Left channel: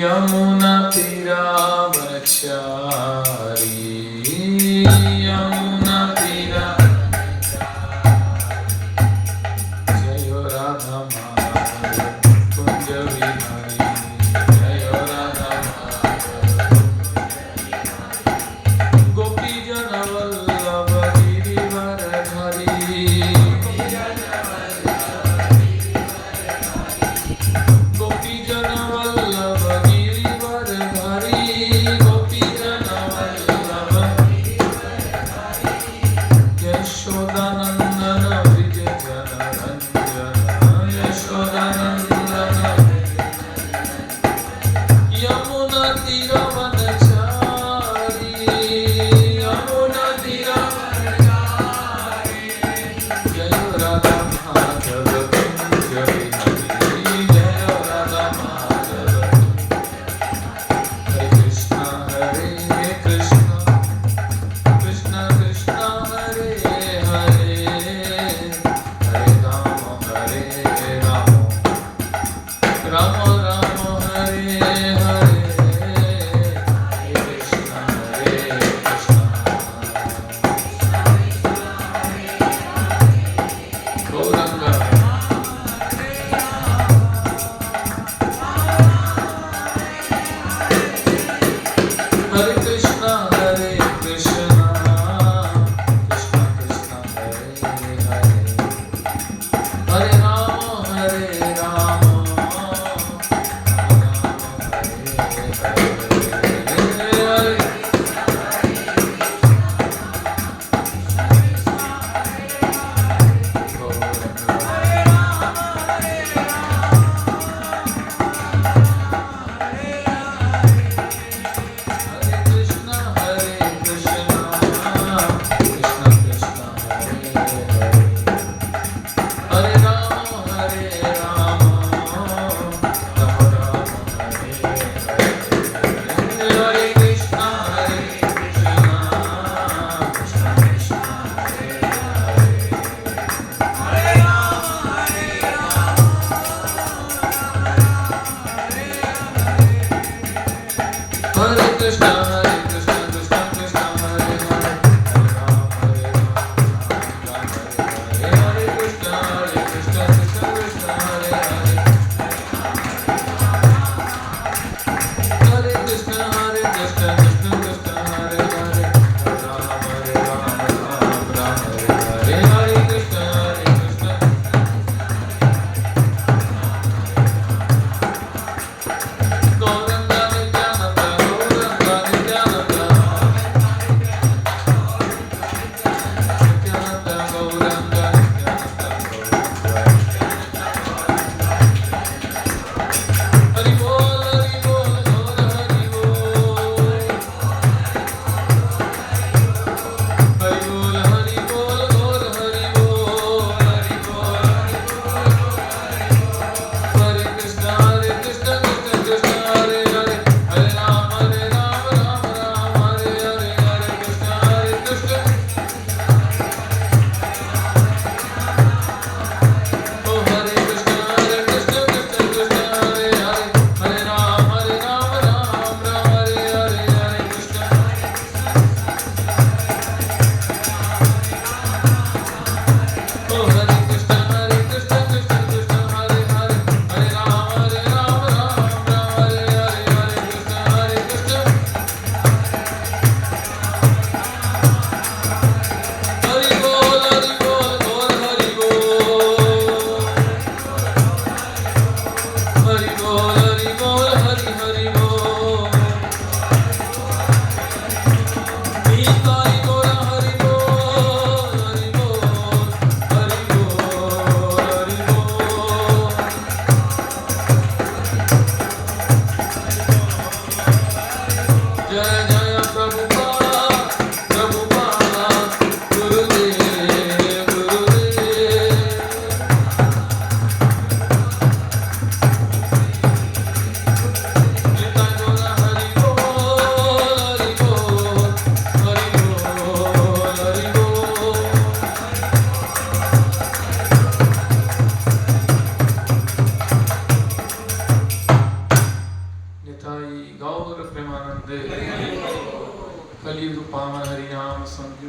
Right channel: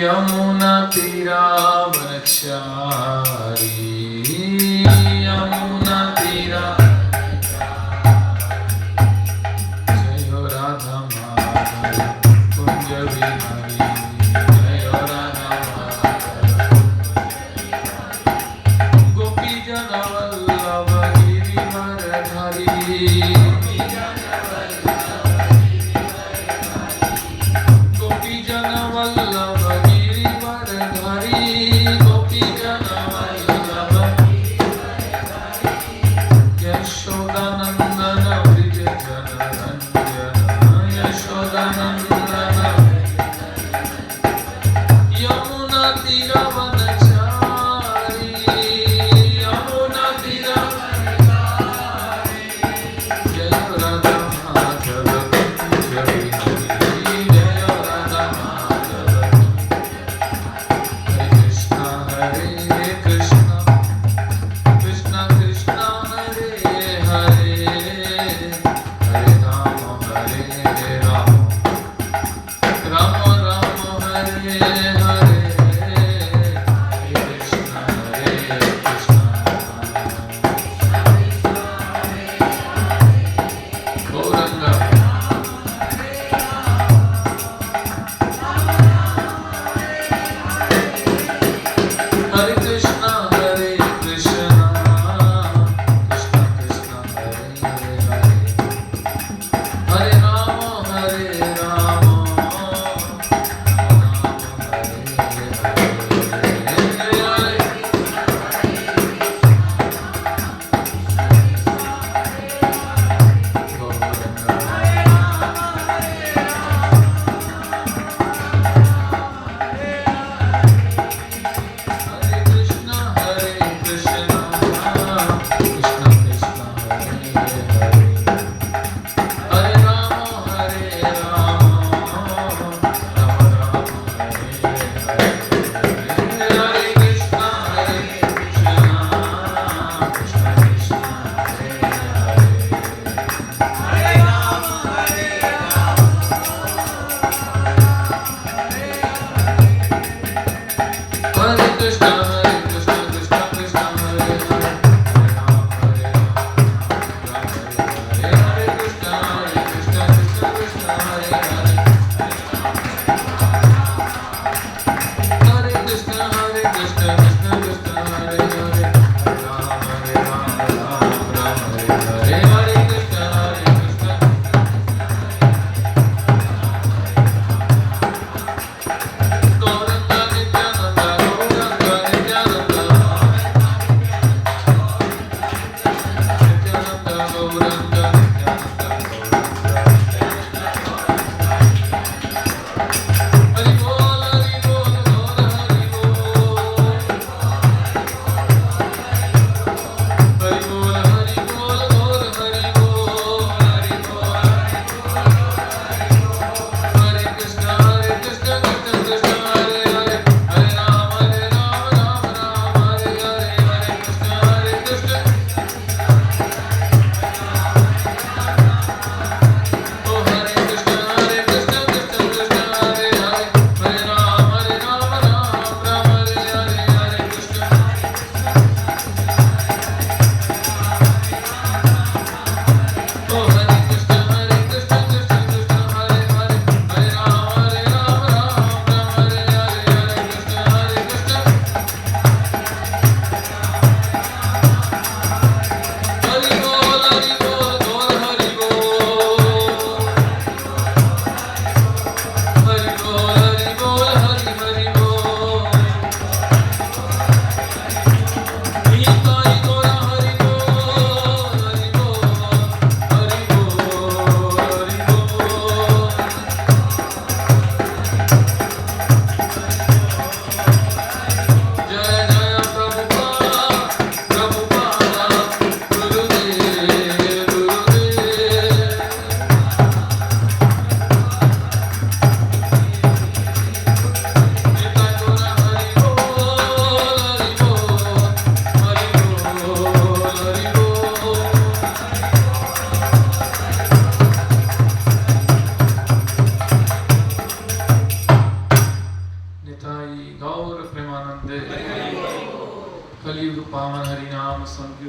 यमुना तीरावनचारी यमुना तीरा जय राधा माधव कुंज विहारी जय राधा माधव गोपी जन वल्लभ गिरिवरधारी गोपी जन वल्लभ गिरिवरधारी गोपी जन वल्लभ यशोदानंदन ब्रिज जनरंजन यशोदानंदन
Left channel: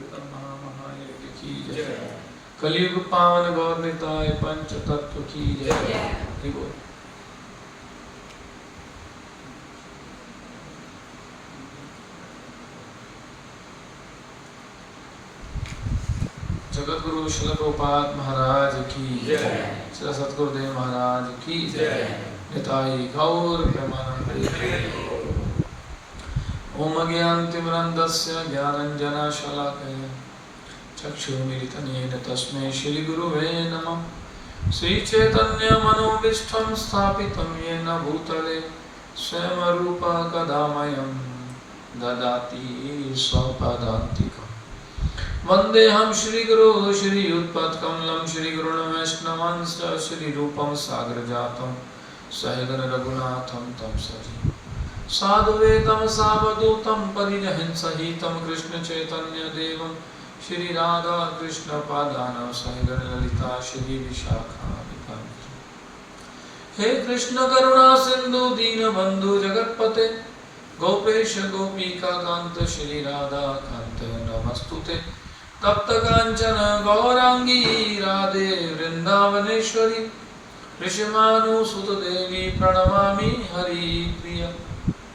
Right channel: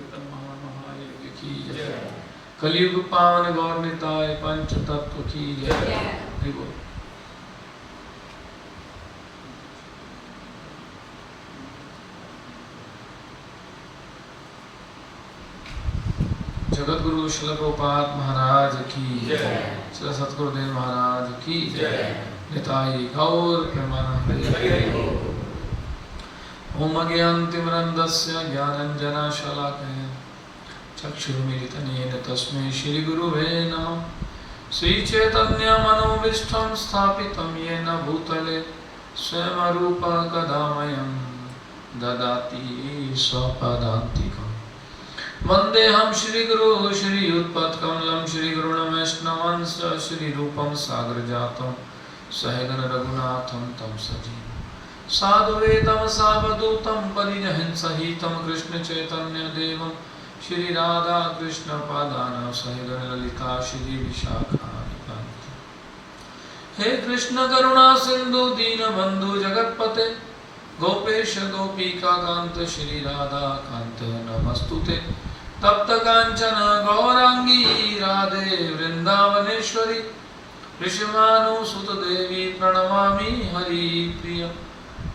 पुरुषोत्तम महामहायज्ञ की जय। कलियुग पावन गौर निताय पंच तत्व की जय। हरि बोल। जगत गुरु श्री प्रभुपाद महाराज की जय। श्री सतगुरुदेव महाराज की जय। निताई गौर प्रेमानंद। ओम अज्ञानतिमिरन्धस्य ज्ञानाञ्जनशलाकया चक्षुरुन्मीलितं तस्मै श्रीगुरुवे नमः। श्रीचैतन्यमनोभीष्टं स्थापितं येन भूतले स्वयं रूपा कदा मह्यं ददाति स्वपदान्तिकम्। वन्देऽहं श्रीगुरुं श्रीयुत्पत्कमलं श्रीगुरुं वैष्णवांश्च श्रीरूपं सागरजातं सहगण रघुनाथं तं सजीवं साधुवेदं सावधूतं परिजनं सहितं कृष्ण चैतन्य देवं श्री राधा कृष्ण पादान सहगण ललिता श्री विशाखान्वितां। हे कृष्ण करुणा सिंधु दीनबंधु जगतपते गोपेश गोपिका कांत श्री राधा कांत नमस्तुते। तप्त कांचन गौरांगी राधे वृंदावनेश्वरी ऋषभानुसुत देवी प्रणमामि हरिप्रिय।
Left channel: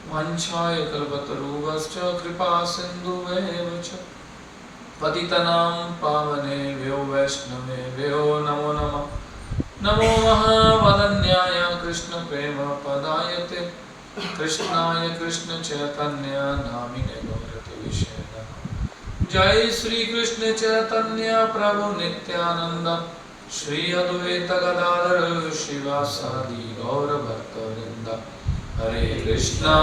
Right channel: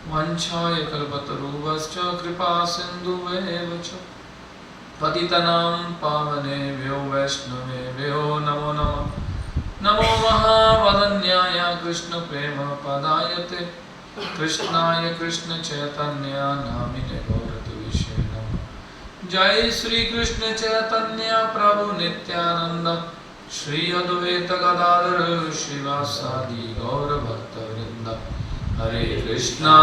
वाञ्छाय कल्पतरुभ्यश्च कृपा सिन्धुभ्येव च पतितानां पावनेभ्यो वैष्णवेभ्यो नमो नमः। नमो महावदन्याय कृष्ण प्रेम पदायते कृष्णाय कृष्ण चैतन्य नामिने गौरतिविषे नमः। जय श्री कृष्ण चैतन्य प्रभु नित्यानंद श्री अद्वैत गदाधर शिवासादि गौर भक्तवृंद। हरे कृष्णा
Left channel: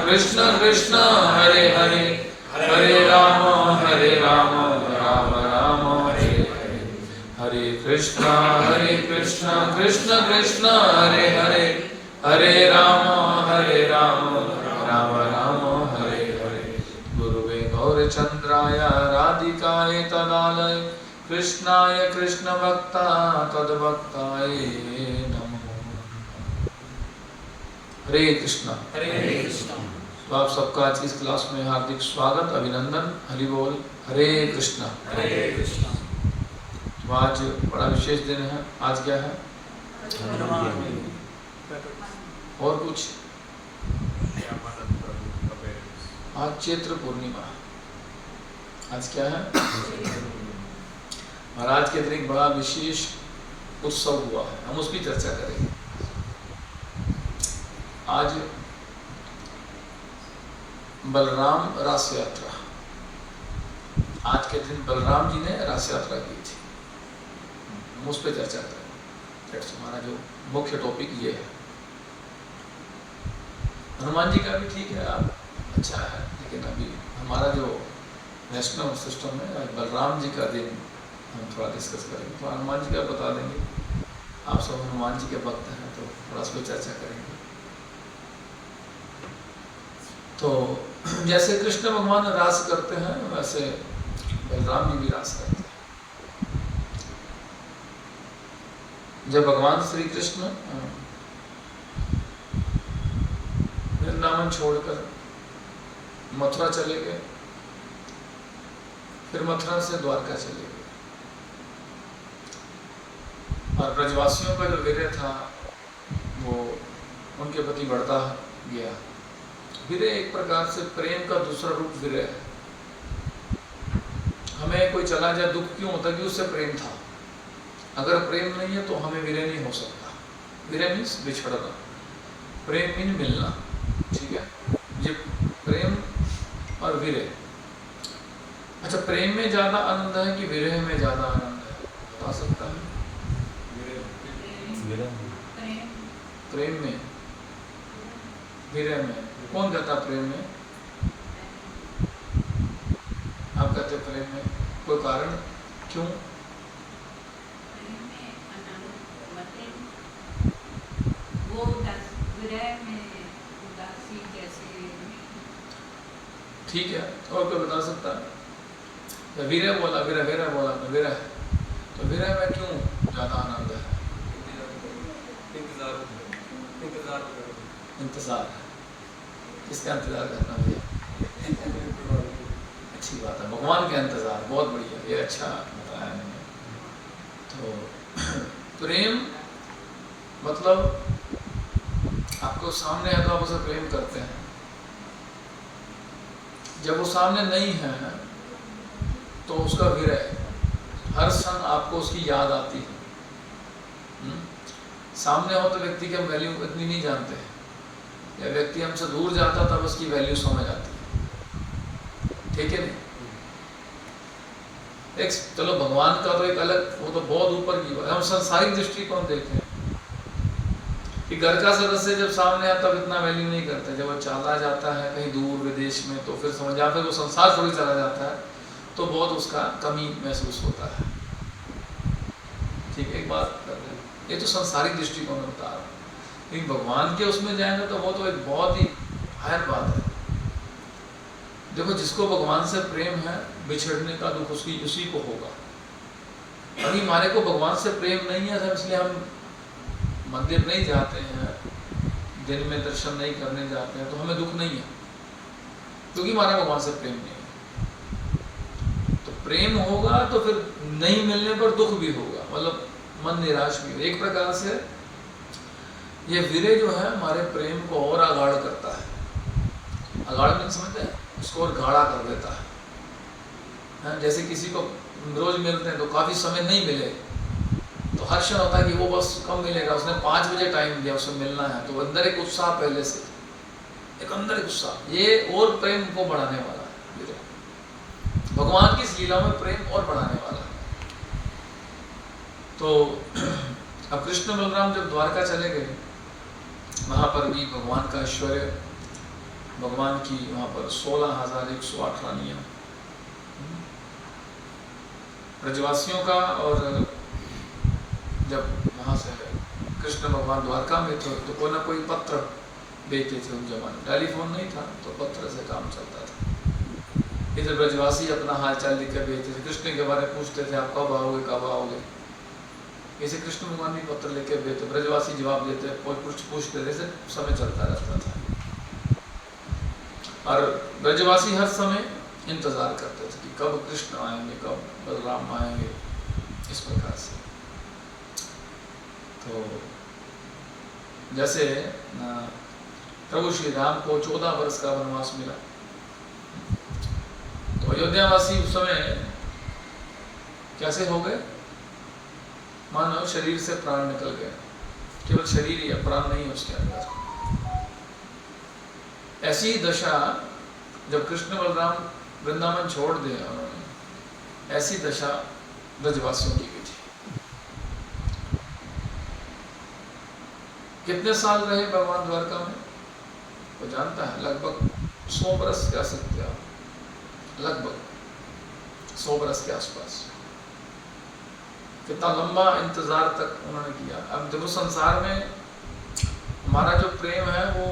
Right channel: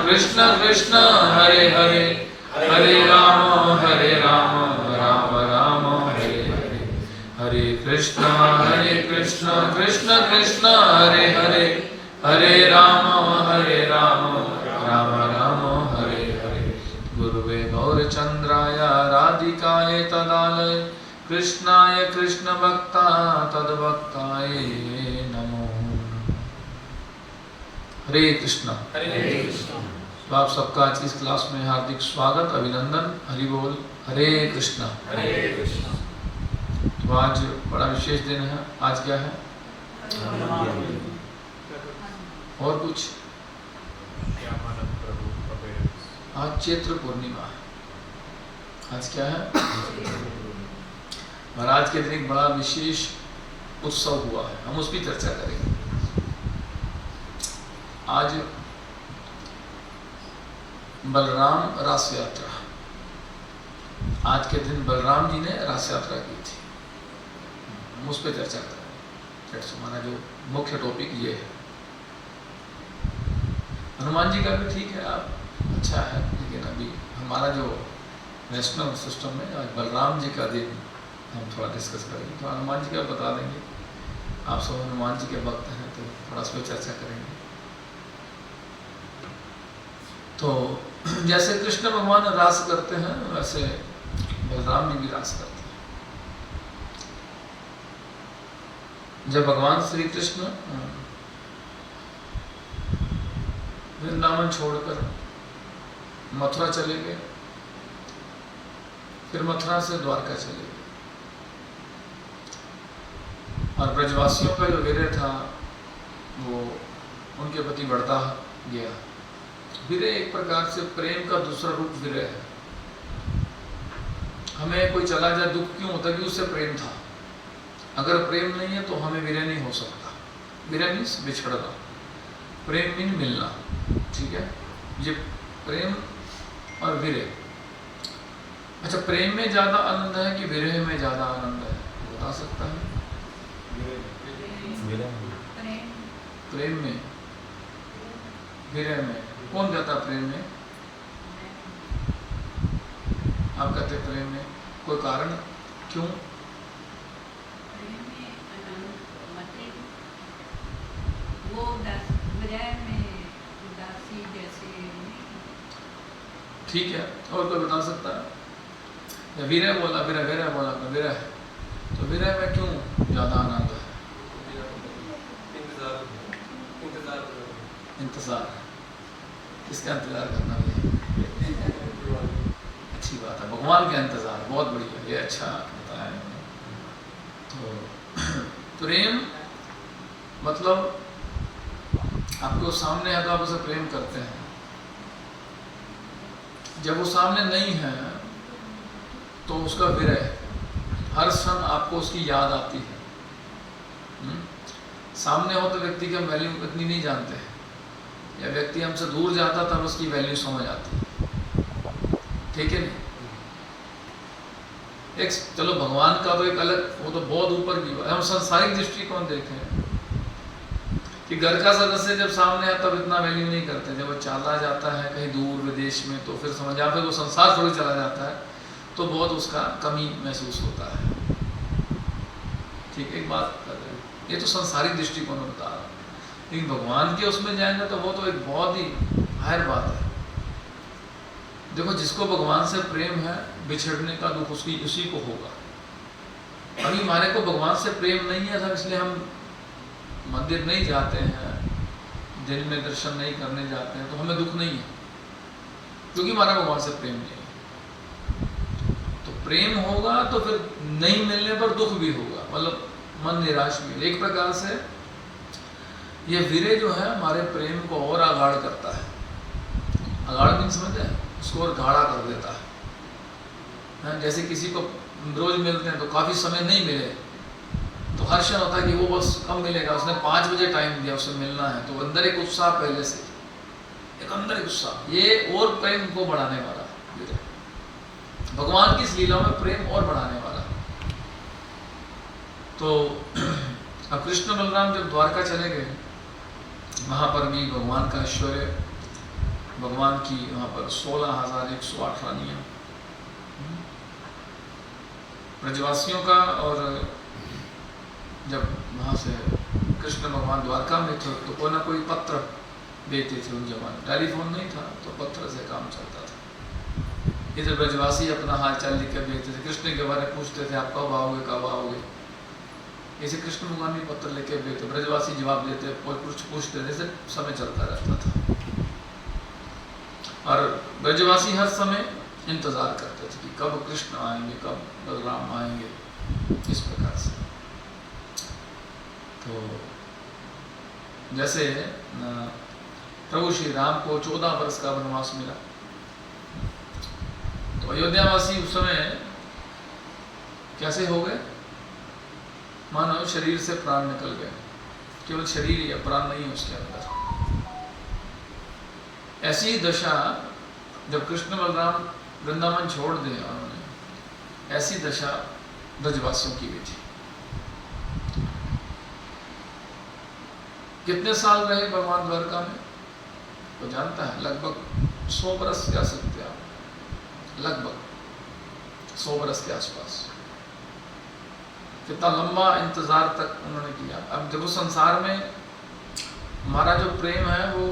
कृष्ण कृष्ण हरे हरे हरे राम राम राम हरे हरे। हरे कृष्णा कृष्ण कृष्ण हरे हरे हरे राम राम राम हरे हरे। गुरुवे गौरचंद्राय राधिकाय तदालय कृष्णाय कृष्ण भक्ता तद्भक्ताय नमो। हरे कृष्णा। तो आप सबका आज इस क्लास में हार्दिक स्वागत अभिनंदन। हरि बोल। हरे कृष्णा। तो आज बड़ा विशेष दिन है। आज क्या है? और कुछ? आज चैत्र पूर्णिमा। आज क्या है? और आज के दिन एक बड़ा विशेष उत्सव हुआ है, हम उसकी चर्चा करेंगे। आज बलराम रास यात्रा। आज के दिन बलराम जी ने रास यात्रा की थी, हम उस पर चर्चा करेंगे। हमारा जो मुख्य टॉपिक ये है। हनुमान जी का भी ठीक है, आप अच्छा है, लेकिन अभी हमारा जो नेशनल सिस्टम में आज बलराम जी का दिन हम थोड़ा डिस्कस करेंगे। तो हनुमान जी का बता देंगे। आप सब हनुमान जी के भक्त हैं तो थोड़ा उस पर चर्चा करेंगे। तो जैसे कृष्ण भगवान रास करते हैं वैसे बलराम जी भी रास करते हैं। जब भगवान श्री कृष्ण वृंदावन छोड़कर मथुरा चले गए, फिर मथुरा से द्वारका चले गए, और ब्रजवासियों का जो विरह था वो उनके प्रति बढ़ता गया। विरह एक प्रकार से प्रेम का दूसरा रूप विरह है। हमें कोई चला जाए दुख क्यों होता है? कि उससे प्रेम था। अगर प्रेम नहीं है तो हमें विरह नहीं हो सकता। विरह मीन्स बिछड़ना, प्रेम मीन मिलना। ठीक है, ये प्रेम और विरह। अच्छा, प्रेम में ज्यादा आनंद है कि विरह में ज्यादा आनंद है? बता सकता है? प्रेम में, विरह में। कौन कहता प्रेम में? आप कहते प्रेम में। कोई कारण? क्यों? ठीक है, और कोई बता सकता है? विरह बोला, विरह बोला तो विरह, तो विरह में क्यों ज्यादा आनंद है? इंतजार। किसका इंतजार करना भैया? अच्छी बात है, भगवान का इंतजार, बहुत बढ़िया, ये अच्छा बताया इन्होंने। तो प्रेम मतलब आपको सामने है तो आप उसे प्रेम करते हैं, जब वो सामने नहीं है तो उसका विरह, हर क्षण आपको उसकी याद आती है। सामने हो तो व्यक्ति की हम वैल्यू इतनी नहीं जानते हैं, या व्यक्ति हमसे दूर जाता तब उसकी वैल्यू समझ आती है, ठीक है नहीं? एक चलो भगवान का तो एक अलग, वो तो बहुत ऊपर की बात, हम संसारिक दृष्टिकोण देखें कि घर का सदस्य जब सामने आता तब इतना वैल्यू नहीं करते, जब वो चला जाता है कहीं दूर विदेश में तो फिर समझ, या फिर वो संसार छोड़ चला जाता है तो बहुत उसका कमी महसूस होता है। ठीक है, एक बात कर रहे हैं, ये तो संसारिक दृष्टिकोण में बता रहा है, लेकिन भगवान के उसमें जाएंगे तो वो तो एक बहुत ही हायर बात है। देखो जिसको भगवान से प्रेम है, बिछड़ने का दुख उसी को होगा। अभी हमारे को भगवान से प्रेम नहीं है, इसलिए हम मंदिर नहीं जाते हैं, दिन में दर्शन नहीं करने जाते हैं, तो हमें दुख नहीं है, क्योंकि हमारा भगवान से प्रेम नहीं है। तो प्रेम होगा तो फिर नहीं मिलने पर दुख भी होगा, मतलब मन निराश भी होगा। एक प्रकार से ये विरह जो है हमारे प्रेम को और आगाढ़ करता है। आगाढ़ मीन समझते हैं, उसको और गाढ़ा कर देता है। जैसे किसी को रोज मिलते हैं तो काफी समय नहीं मिले तो हर्ष होता है कि वो बस कब मिलेगा, उसने 5 बजे टाइम दिया, उसे मिलना है, तो अंदर एक उत्साह, पहले से एक अंदर एक उत्साह, ये और प्रेम को बढ़ाने वाला है। भगवान की इस लीला में प्रेम और बढ़ाने वाला है। तो अब कृष्ण बलराम जब द्वारका चले गए, वहां पर भी भगवान का ऐश्वर्य, भगवान की वहां पर 16,118 नियम ब्रजवासियों का। और जब वहाँ से कृष्ण भगवान द्वारका में थे तो कोई ना कोई पत्र भेजते थे, उन जमाने टेलीफोन नहीं था तो पत्र से काम चलता था। इधर ब्रजवासी अपना हाल चाल लिख कर भेजते थे, कृष्ण के बारे में पूछते थे, आप कब आओगे कब आओगे। ऐसे कृष्ण भगवान भी पत्र लेके भेजते, ब्रजवासी जवाब देते, कुछ पूछते थे, ऐसे समय चलता रहता था। और ब्रजवासी हर समय इंतजार करते थे कि कब कृष्ण आएंगे, कब बलराम आएंगे, इस प्रकार से। तो जैसे प्रभु श्री राम को 14 वर्ष का वनवास मिला, तो अयोध्यावासी उस समय कैसे हो गए, मानो शरीर से प्राण निकल गया, केवल शरीर ही, प्राण नहीं है उसके अंदर। ऐसी दशा जब कृष्ण बलराम वृंदावन छोड़ दिए उन्होंने, ऐसी दशा ब्रजवासियों की भी थी। कितने साल रहे भगवान द्वारका में तो जानता है, लगभग 100 बरस कह सकते आप, लगभग 100 बरस के आसपास। कितना लंबा इंतजार तक उन्होंने किया। अब देखो संसार में हमारा जो प्रेम है वो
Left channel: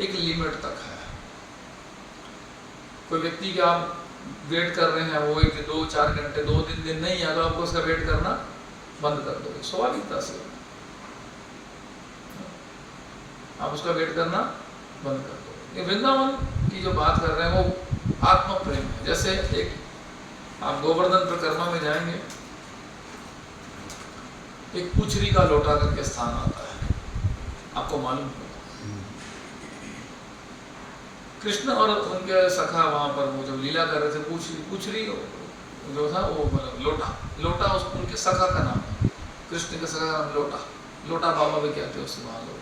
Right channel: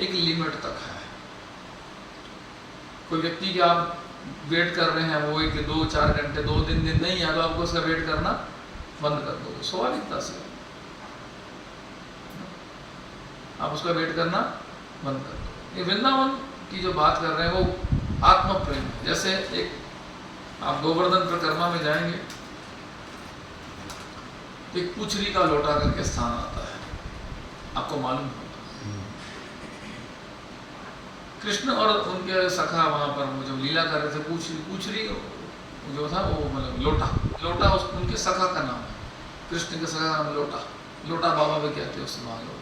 एक लिमिट तक है। कोई व्यक्ति का आप वेट कर रहे हैं, वो 1, 2, 4 घंटे, 2 दिन नहीं आया तो आपको उसका वेट करना बंद कर दोगे, स्वाभाविकता से आप उसका वेट करना बंद कर दोगे। वृंदावन की जो बात कर रहे हैं वो आत्म प्रेम है। जैसे एक आप गोवर्धन परिक्रमा में जाएंगे, एक पुछरी का लोटा करके स्थान आता है, आपको मालूम होगा। कृष्ण और उनके सखा वहां पर वो जो लीला कर रहे थे, पुछरी जो था वो मतलब लोटा उनके सखा का नाम है, कृष्ण के सखा का नाम लोटा बाबा भी कहते हैं उससे वहां लोग।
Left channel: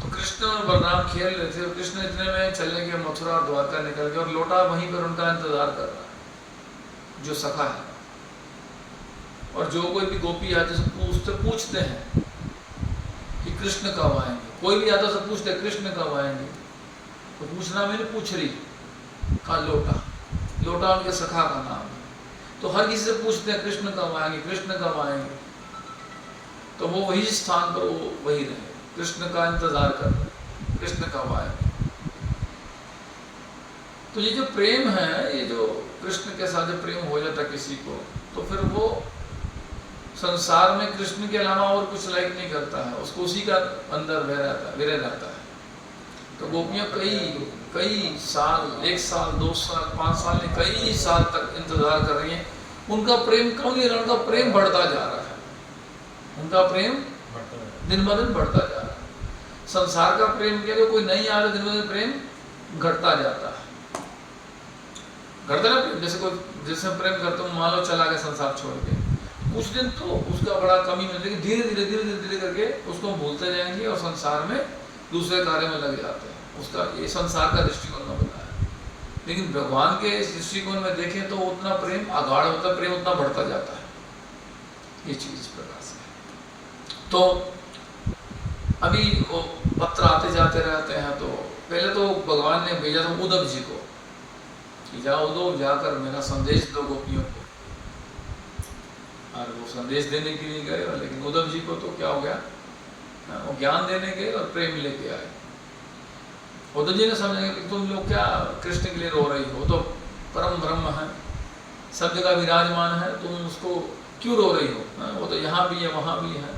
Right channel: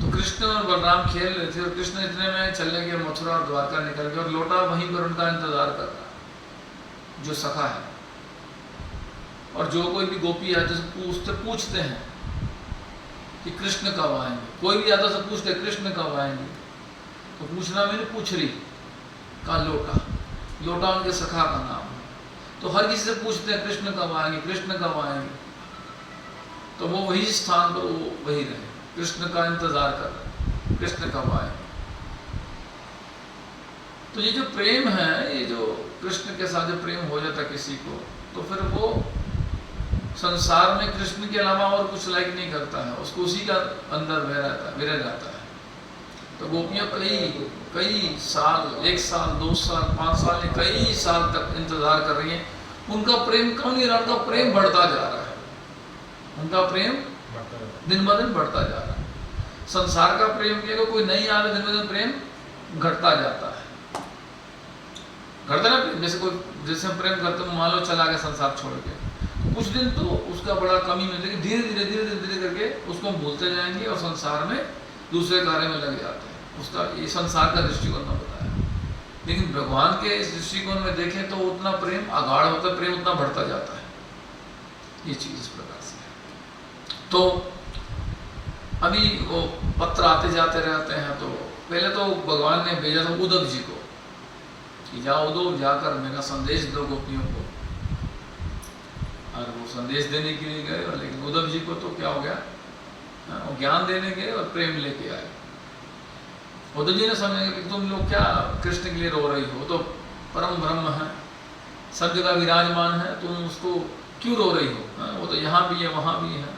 तो कृष्ण और बलराम खेल रहे थे और कृष्ण इतने में चले गए, मथुरा और द्वारका निकल गए और लोटा वहीं पर उनका इंतजार कर रहा है, जो सखा है। और जो कोई भी गोपी है तो पूछते हैं कि कृष्ण कब आएंगे, कोई भी आता से पूछते कृष्ण कब आएंगे, तो पूछना मैंने पुछरी का लोटा उनके सखा का नाम है। तो हर किसी से पूछते हैं कृष्ण कब आएंगे, कृष्ण कब आएंगे। तो वो वही स्थान पर वो वही रहे, कृष्ण का इंतजार कर रहे, कृष्ण कब आएंगे। तो ये जो प्रेम है, ये जो कृष्ण के साथ जो प्रेम हो जाता है किसी को, तो फिर वो संसार में कृष्ण के अलावा और कुछ लाइक नहीं करता है, उसको उसी का अंदर विरह रहता है। तो गोपियाँ कई साल, 1 साल, 2 साल, 5 साल, कई साल तक इंतजार कर रही हैं। उनका प्रेम कम नहीं रहा, उनका प्रेम बढ़ता जा रहा है, उनका प्रेम दिन ब दिन बढ़ता जा रहा है। संसार का प्रेम किया तो कोई नहीं आता, दिन ब दिन प्रेम घटता जाता है, घटता ना प्रेम। जैसे कोई जिससे प्रेम करते हो, मान लो चला गया संसार छोड़ के, कुछ दिन तो उसका बड़ा कमी मिल जाएगी, धीरे धीरे करके उसको हम भूलते जाएंगे और संसार में दूसरे कार्य में लग जाते हैं। उसका ये संसार का दृष्टिकोण में बताया। लेकिन भगवान के इस दृष्टिकोण में देखें तो उतना प्रेम अगाढ़ होता है, प्रेम उतना बढ़ता जाता है। ये चीज इस प्रकार से। तो अभी वो पत्र आते जाते रहते हैं। तो पहले तो भगवान ने भेजा था उद्धव जी को कि जाओ उद्धव, जाकर मेरा संदेश दो गोपियों को। और वो संदेश देने के लिए गए, लेकिन उद्धव जी को तो क्या हो गया, वो ज्ञान देने गए और प्रेम लेके आए। उद्धव जी ने समझा कि तुम लोग क्या कृष्ण के लिए रो रही हो, तो परम ब्रह्म है, सब जगह विराजमान है, तुम उसको क्यों रो रही हो, वो तो यहाँ भी है वहाँ भी है।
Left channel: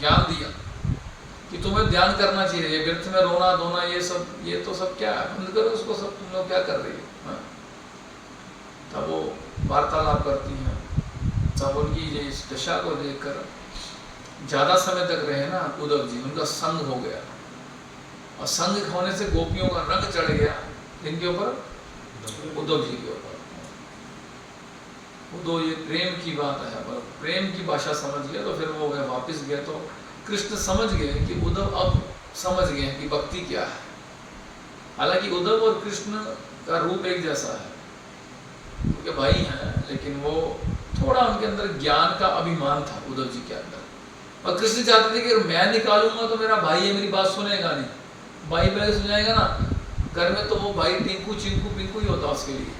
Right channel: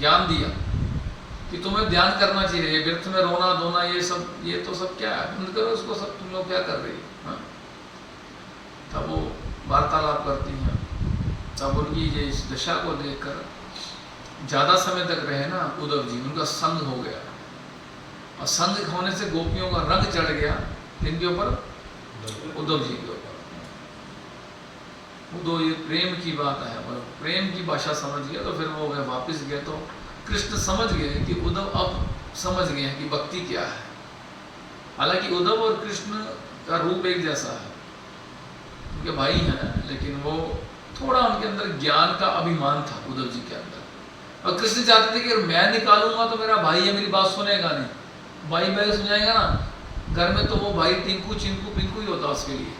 ज्ञान दिया कि तुम्हें ध्यान करना चाहिए, ये व्यर्थ में रोना धोना ये तो सब क्या है, बंद करो उसको सब, तुम लोग क्या कर रही हो। तब वो वार्तालाप करती हैं। तब उनकी इस दशा को देखकर ज्यादा समय तक रहे ना उद्धव जी, उनका संग हो गया, और संग होने से गोपियों का रंग चढ़ गया इनके ऊपर, उद्धव जी के ऊपर। वो ये प्रेम की बात है, और प्रेम की भाषा समझ गया। तो फिर वो वापस गए तो कृष्ण समझ गए कि उद्धव अब समझ गए कि भक्ति क्या है। हालांकि उद्धव और कृष्ण का रूप एक जैसा है, उनके भाई हैं, लेकिन वो थोड़ा उनके अंदर ज्ञान का अभिमान था उद्धव जी के अंदर। और कृष्ण चाहते थे कि मैं निकालूंगा तो मेरा भाई है, मेरी बात सुनेगा नहीं, भाई भाई सुनाएगा ना घर में, तो वो भाई टिंकू चिंकू पिंकू ही होता उसके लिए।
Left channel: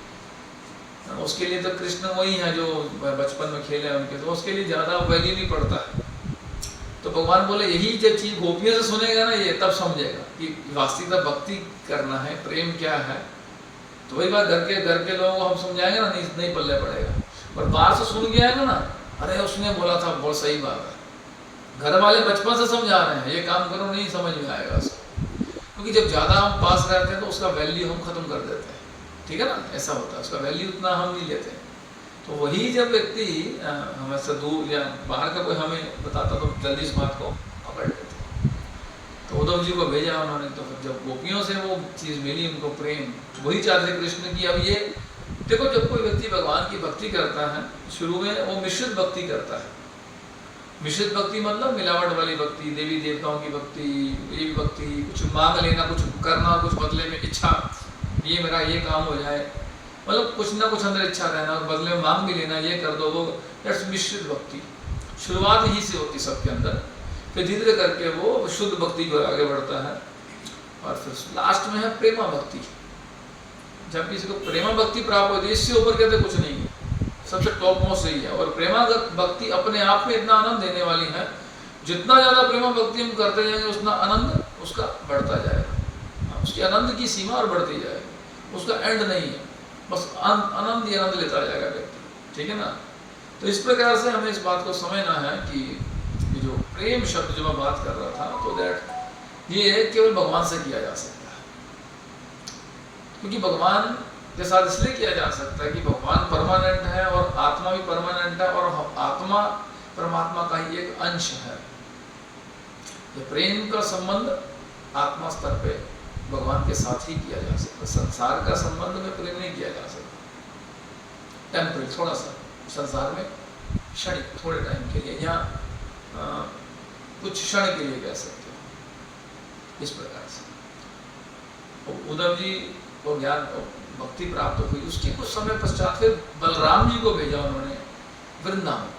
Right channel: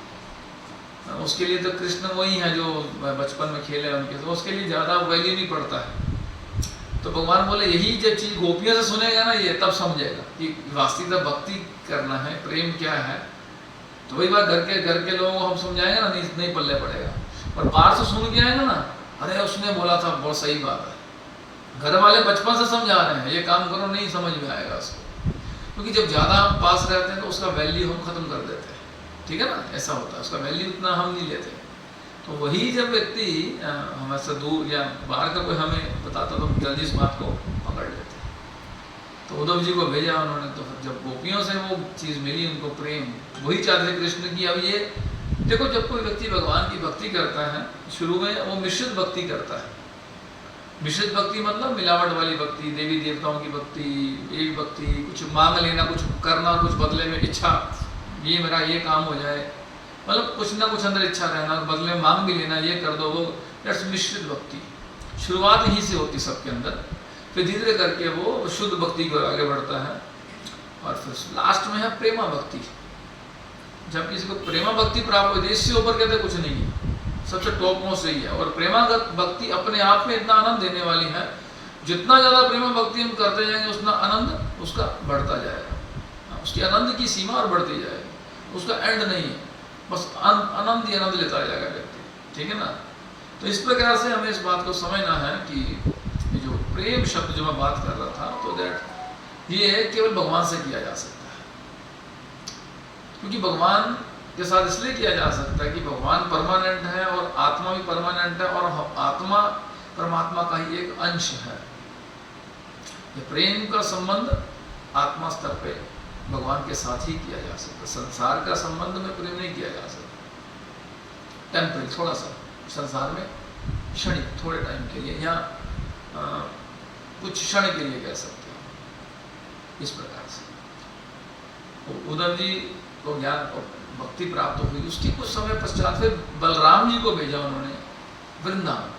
उसके लिए तो कृष्ण वही है जो बचपन में खेले उनके, तो उसके लिए ज्यादा वैल्यू नहीं पड़ता है। तो भगवान बोले यही जब चीज गोपियों से सुनेगा ना ये, तब समझेगा कि वास्तविकता भक्ति करना है, प्रेम क्या है। तो वही बात घर के लोगों को हम समझाएंगे ना, नहीं पल्ले पड़ेगा। और बाहर से सुन के आएंगे ना, अरे उसने बोला था बहुत सही बात है। घर वाले बचपन से समझा रहे हैं ये काम करो, नहीं समझ में आएगा उसको, क्योंकि जब ज़्यादा हम पास रहते हैं तो उसका वैल्यू हम खत्म कर देते हैं। ठीक है ना, ऐसा होता है, उसका वैल्यू उतना हम नहीं लेते हैं। तो वही जब व्यक्ति हमसे दूर या बाहर का कोई हमें बताता तो जल्दी इस बात को पकड़ लेते हैं। तो उद्धव जी को भेजा उन्होंने। तो जब गोपियों से वो चीज़ मिली उनको प्रेम, वही चाहते कृष्ण की। अब ये देखो, जब कोई व्यक्ति भगवान की भक्ति करता है, शुरू में वो मिश्रित भक्ति करता है। मिश्रित भक्ति मतलब मिलावट वाली भक्ति, देवी देवताओं की भक्ति, देवी भक्ति, कुछ मांग लेना, कुछ करना, कुछ बदले में इच्छा, ये मेरा ये काम हो जाए, मतलब कुछ ना कुछ अंदर इच्छा रहना, बदले में मांग भी लेना, ये कर दो वो, दैट्स मिश्रित भक्ति। शुरुआत ही से होती सबके अंदर, फिर धीरे धीरे करके वो शुद्ध भक्ति को आगे बढ़ता है। और फिर लास्ट में है प्रेमा भक्ति। जब किसी को प्रेमा भक्ति प्राप्त होती है, इससे ऊपर कहते कुछ नहीं है, सबसे टॉप मोस्ट यही है। और प्रेमागत भक्ति अपने आप में इतना आनंद देने वाली है, जितना ज़्यादा प्रेमा भक्ति हम करते जाएंगे उतना आनंद उसका बढ़ता जाएगा, उसकी आनंद की सीमा और बढ़ती जाएगी, उसका एंड नहीं है, बस आनंद ही आनंद लेता जाएगा व्यक्ति। ठीक है ना। तो इस प्रकार से हमें इस बात को समझना है कि जो प्रेम शब्द जो मैं बात कर रहा था, तो दैट ये केवल भगवान से किया जा सकता है, क्योंकि भगवान के साथ इसलिए किया जा सकता है कि भगवान परमानेंट है और आत्मा भी परमानेंट है, और आत्मा परमात्मा का ही एक अंश है। ये प्रेम का संबंध आत्मा स्तर पे भगवान के साथ ही किया जा सकता है। संसार का संबंध में प्रेम नहीं किया जा सकता। टेम्पररी, थोड़ा सा संसार में क्षणिक, थोड़े टाइम के लिए, या कुछ क्षण के लिए कह सकते हैं। इस प्रकार से उद्धव जी को ज्ञान भक्ति प्राप्त हुई। उसकी कुछ समय पश्चात फिर बलराम जी को भेजा उन्होंने वृंदावन।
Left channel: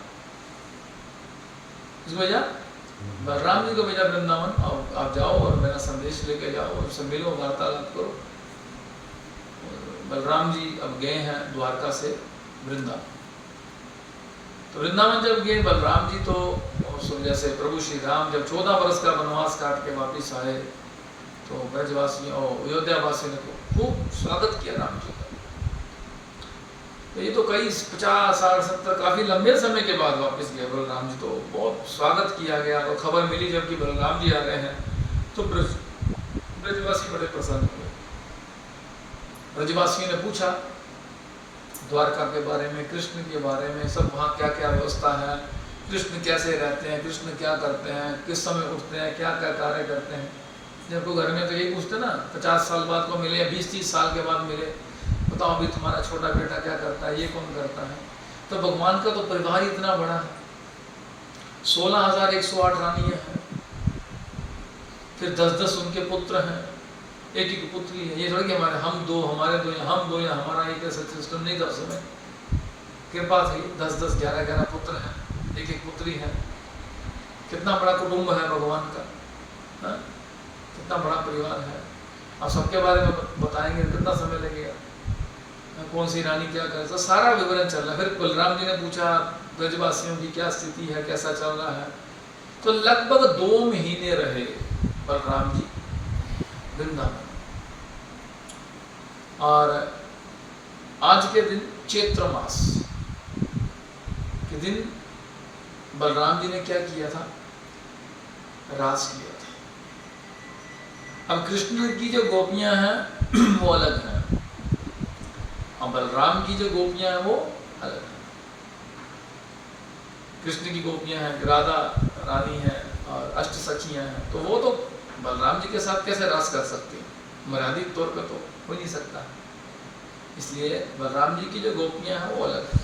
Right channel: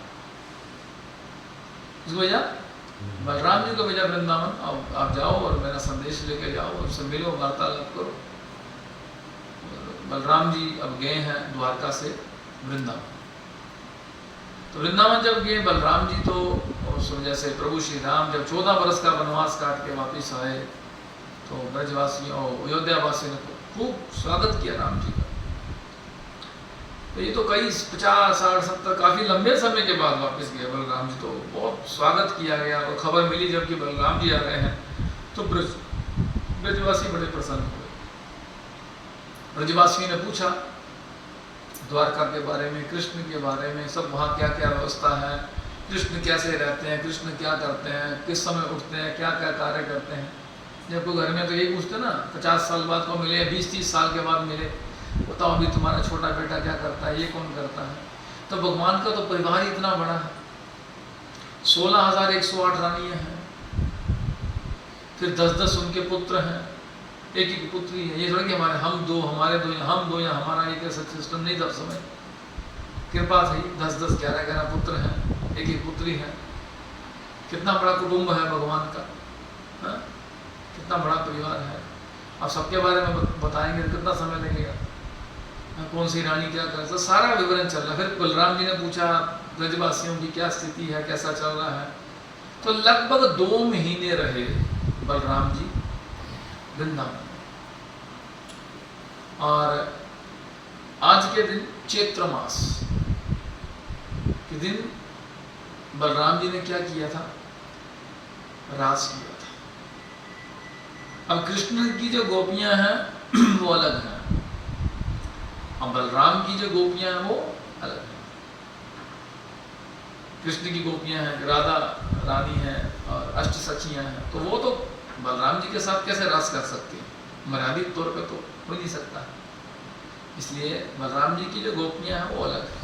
किसको भेजा? बलराम जी को भेजा वृंदावन। आप जाओ और मेरा संदेश लेके जाओ, उनसे मिलो, वार्तालाप करो। बलराम जी अब गए हैं द्वारका से वृंदावन। तो वृंदावन जब गए बलराम जी, तो जैसे प्रभु श्री राम जब 14 वर्ष का वनवास काट के वापिस आए, तो ब्रजवासियों और अयोध्या वासियों ने खूब स्वागत किया राम जी का। तो ये तो कई 50, 60, 70 काफी लंबे समय के बाद वापस गए बलराम जी, तो बहुत स्वागत किया गया। और खबर मिली जबकि बलराम जी आ गए हैं, तो ब्रजवासी बड़े प्रसन्न हुए। ब्रजवासियों ने पूछा द्वारका के बारे में, कृष्ण के बारे में, सब वहाँ क्या क्या व्यवस्था है, कृष्ण कैसे रहते हैं, कृष्ण क्या करते हैं, किस समय उठते हैं, क्या क्या कार्य करते हैं। जब को घर में तो यही पूछते ना, 50 साल बाद को मिले, 20-30 साल के बाद मिले, बताओ अभी तुम्हारा छोटा बेटा क्या करता है, ये कौन करता है। तो भगवान का तो परिवार इतना बड़ा है, 16,108 रानियाँ हैं, फिर 10-10 उनके पुत्र हैं, एक पुत्री है। ये थोड़ी कि हम दो या हमारा एक ऐसा सिस्टम नहीं था उस समय। कृपा थी, 10-10, 11-11 पुत्र हैं, एक पुत्री है। कितना बड़ा कुटुंब है भगवान का, हा? कितना बड़ा परिवार है। अब सबके बारे में बताएंगे कितना समय लगेगा, कौन सी रानी क्या कर, तो सारा विवरण चल रहा है। फिर बलराम जी ने पूछा ब्रजवासियों की क्या स्थिति है, कैसा चल रहा है। तो लगभग 2 महीने रहे बलराम जी वृंदावन। और आज के दिन चैत्र मास के दिन बलराम जी ने क्या किया था, रास किया था। अब कृष्ण की जो गोपियां हैं वो अलग हैं, और बलराम की जो गोपियां हैं वो अलग हैं। कृष्ण की गोपियां हैं, राधा रानी हैं और अष्ट सखियां हैं, तो वो तो बलराम जी के साथ कैसे रास कर सकती हैं, मर्यादित तौर पे तो हो नहीं सकता। इसलिए बलराम जी की जो गोपियां हैं वो अलग है।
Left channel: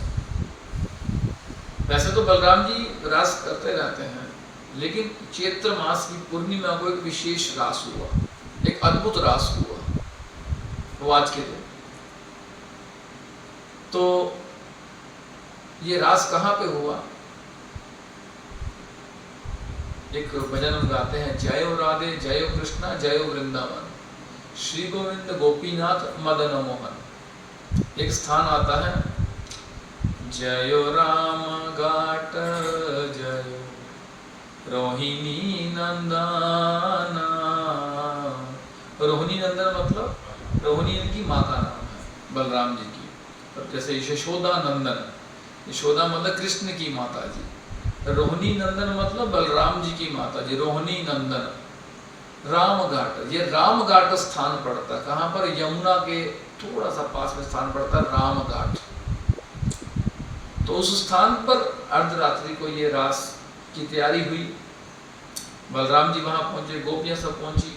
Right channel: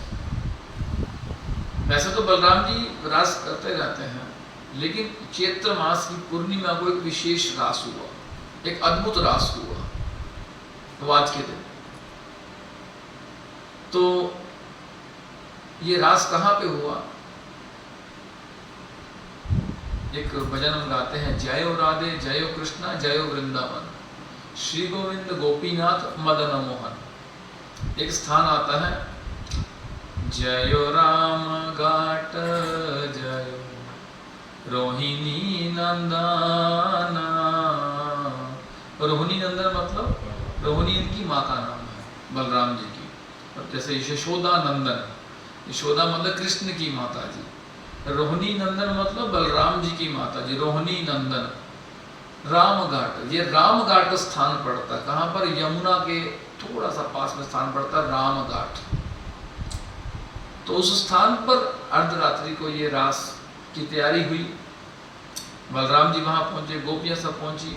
वैसे तो बलराम जी रास करते रहते हैं, लेकिन चैत्र मास की पूर्णिमा को एक विशेष रास हुआ, एक अद्भुत रास हुआ वो आज के दिन। तो ये रास कहाँ पे हुआ, एक भजन हम गाते हैं, जयो राधे जयो कृष्णा जयो वृंदावन, श्री गोविंद गोपीनाथ मदन मोहन। एक स्थान आता है, जयो राम घाट जयो रोहिणी नंदना। रोहिणी नंदन मतलब रोहिणी इनकी माँ का नाम है बलराम जी की। और जैसे यशोदा नंदन, यशोदा मतलब कृष्ण की माता जी, रोहिणी नंदन मतलब बलराम जी की माता जी, रोहिणी नंदन। राम घाट, ये राम घाट स्थान पड़ता है कहाँ पर, यमुना के थोड़ा सा पास में स्थान पड़ता है राम घाट। तो उस स्थान पर अर्धरात्रि को ये रास की तैयारी हुई। बलराम जी वहां पहुंचे, गोपियां सब पहुंची।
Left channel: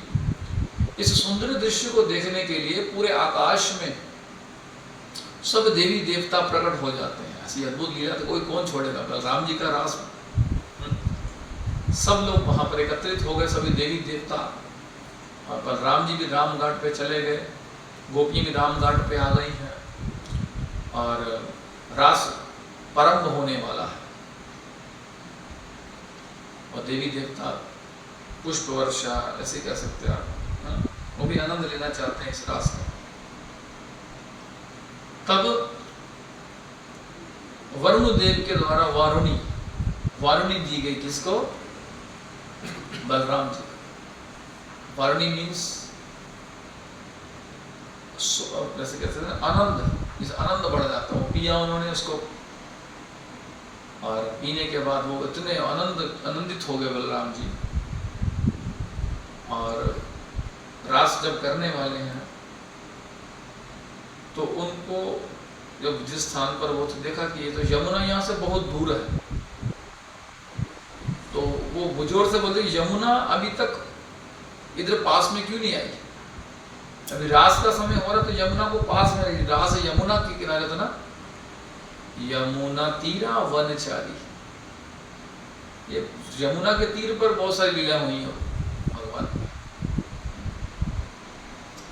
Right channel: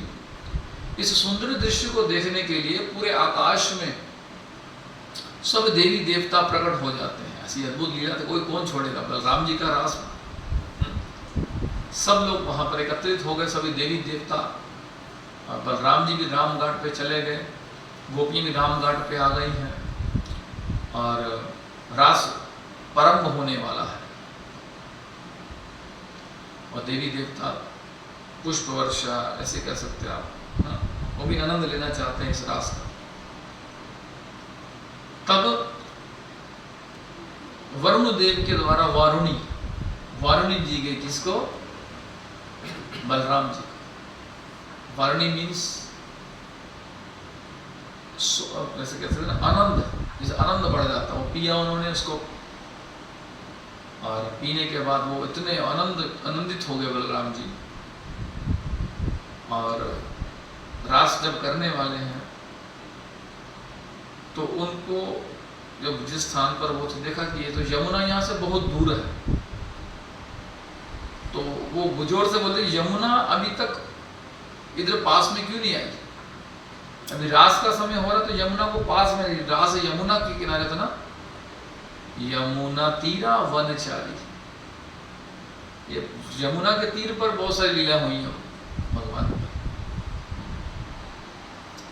इस सुंदर दृश्य को देखने के लिए पूरे आकाश में सब देवी देवता प्रकट हो जाते हैं। ऐसी अद्भुत लीला तो कोई कौन छोड़ेगा, बलराम जी का रास। सब लोग वहां पर एकत्रित हो गए, सभी देवी देवता। और बलराम जी भी राम घाट पे चले गए, गोपियां भी राम घाट पे आ गई हैं, और रास प्रारंभ होने वाला है। और देवी देवता पुष्प वर्षा ऐसे कह सकते हैं आप, वो भी आनंद लेना चाहते हैं इस रास का। तब वरुण देव के द्वारा वारुणी दी गई, किसको, बलराम जी। वारुणी मीन्स कैसे कहते हैं, आनंद, जिस आनंद बढ़ जाता है वो पिया उन्होंने उसको। और पीने के बाद वो इतने आनंदित हो गए बलराम जी। और रास जब करने वाले हैं तो उनको जब जिस स्थान पर वो थे, देखा कि ये तो यमुना यहाँ से बहुत दूर है। तो वो बुजोर से बोलते, यमुना अभी तक इधर पास में क्यों नहीं आई, अभी रास का समय हो रहा तो यमुना को पास में, रास यमुना के किनारे था ना, यमुना तीरा वनचारी। ये यमुना के तीर पर बहुत सारी लीला हुई है भगवान।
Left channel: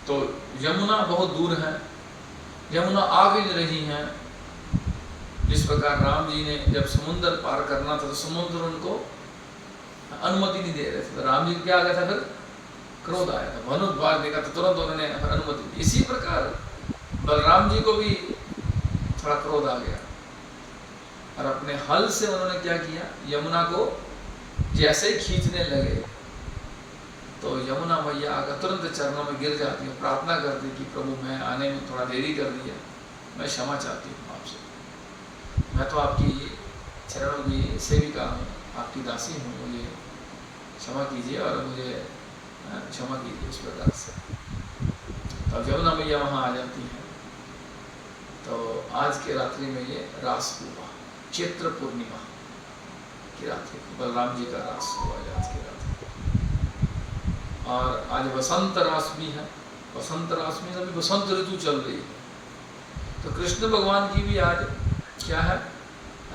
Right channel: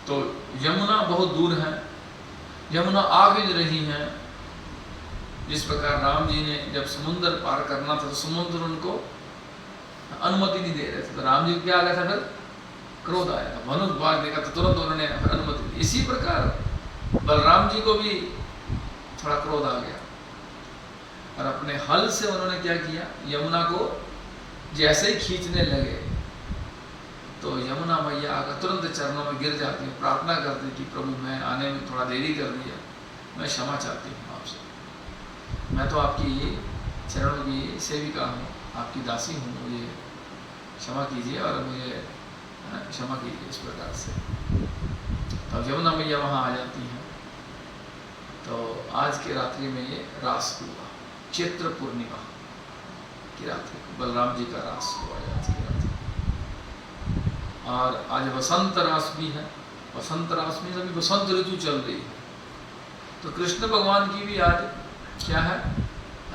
तो यमुना बहुत दूर है, यमुना आ भी रही हैं। जिस प्रकार राम जी ने जब समुद्र पार करना था तो समुद्र उनको अनुमति नहीं दे रहे थे, तो राम जी को क्या आ गया था, फिर क्रोध आया था, धनुर्बाण देखा तो तुरंत उन्होंने फिर अनुमति दी। इसी प्रकार बलराम जी को भी थोड़ा क्रोध आ गया, और अपने हल से उन्होंने क्या किया, यमुना को जैसे ही खींचने लगे तो यमुना मैया आकर तुरंत चरणों में गिर जाती है, प्रार्थना करती कि प्रभु मैं आने में थोड़ा देरी कर दी है, मैं क्षमा चाहती हूँ आपसे, मैं तो आपकी चरणों की सेविका हूँ, आपकी दासी हूँ, मुझे क्षमा कीजिए और मुझे क्षमा कीजिए इस प्रकार से। तब जमुना मैया वहाँ आ जाती हैं। तो आज के रात्रि में ये रास हुआ, चैत्र पूर्णिमा की रात्रि को बलराम जी का रास हुआ आज की रात्रि। और आज वसंत रास भी है। वसंत रास में अभी वसंत ऋतु चल रही है, तो कृष्ण भगवान की भी आज क्या है,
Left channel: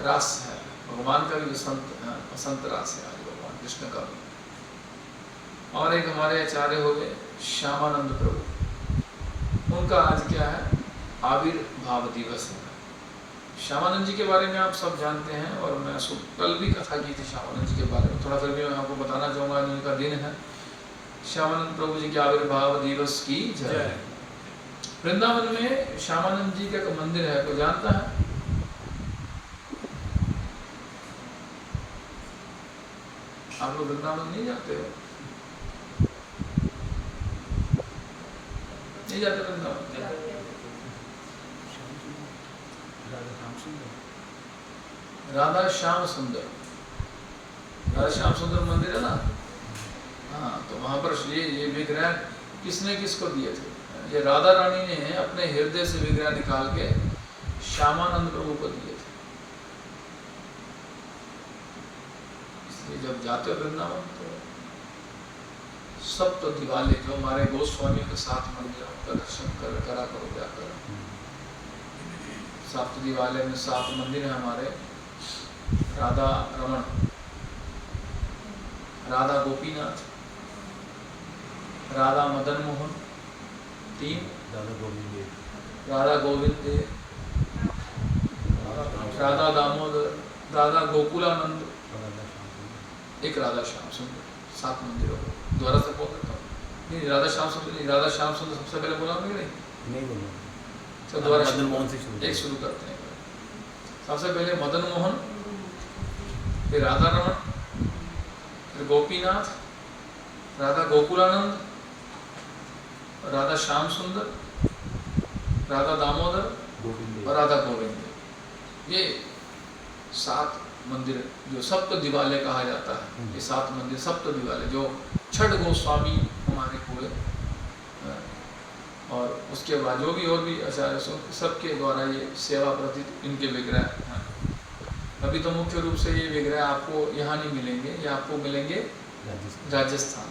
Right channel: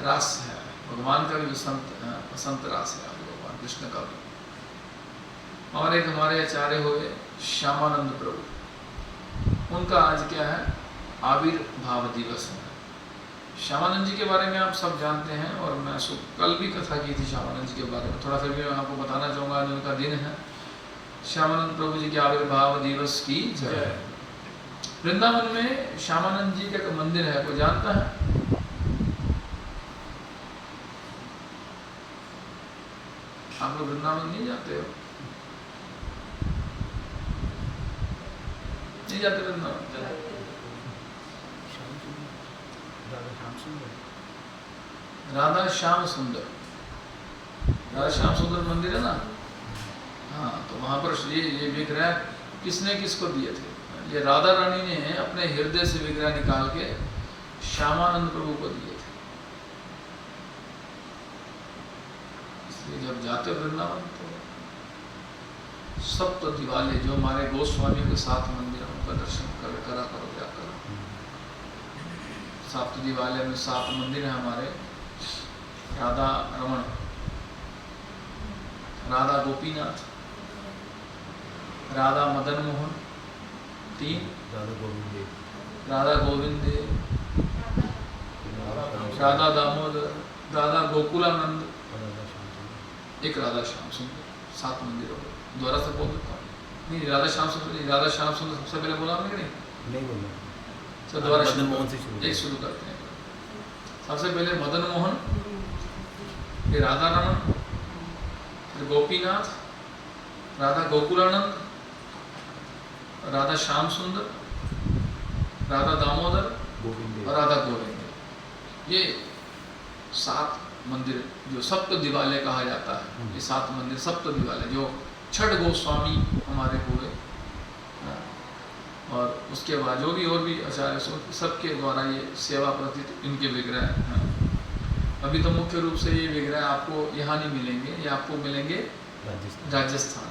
रास है। भगवान का भी वसंत रास है आज भगवान कृष्ण का भी। और एक हमारे आचार्य हो गए श्यामानंद प्रभु, उनका आज क्या है, आविर्भाव दिवस है। श्यामानंद जी के बारे में आप सब जानते हैं, और मैं कल भी कथा की थी श्यामानंद जी के बारे में, थोड़ा फिर भी मैं आपको बताना चाहूँगा। उनका दिन है श्यामानंद प्रभु जी के आविर्भाव दिवस की जय। वृंदावन में श्यामानंद जी का मंदिर है, कोई जानता है? आप लोग वृंदावन नहीं जाते हो? नहीं जाते वृंदावन? राधा श्याम सुंदर, राधा श्याम सुंदर मंदिर है ना। हाँ, तो वहाँ पर ये विग्रह किसने किसको दिए थे? ये राधा रानी ने अपने हृदय से विग्रह निकाल के श्यामानंद प्रभु को दिए थे। इसलिए जब जाते वृंदावन तो सप्त दिवाले, जो हमारे गोस्वामी के 7 मंदिर का दर्शन करा करो, क्या करो। सप्त दिवाले में 7 मंदिर हैं हमारे। राधा रमण, राधा गोपीनाथ, राधा मदन मोहन 3, राधा गोविंद, राधा दामोदर, राधा गोकुलानंद, एक राधा श्याम सुंदर। 7 मंदिरों को दोबारा से बोल देता हूँ। नहीं, राधा श्याम सुंदर नहीं, राधा श्याम सुंदर सबसे पहले बोला हमने नहीं बोला। तो दोबारा मदन मोहन से शुरू करते हैं। सबसे पहले मदन मोहन, फिर राधा रमण, फिर गोपीनाथ, राधा गोकुलानंद, राधा श्याम सुंदर, राधा दामोदर और राधा गोविंद। ये 7 मंदिर जो सप्त दिवालय कहा जाता है। ये 7 मंदिर सप्त दिवालय, जो 6 गोस्वामी हमारे हुए, और उसके बाद जो भी और भी आचार्य सबके द्वारा ये सेवा प्रति इनके विग्रह हैं। अभी तो मुख्य रूप से ये विग्रह आपको यहाँ नहीं मिलेंगे, ये आपको मिलेंगे राजस्थान।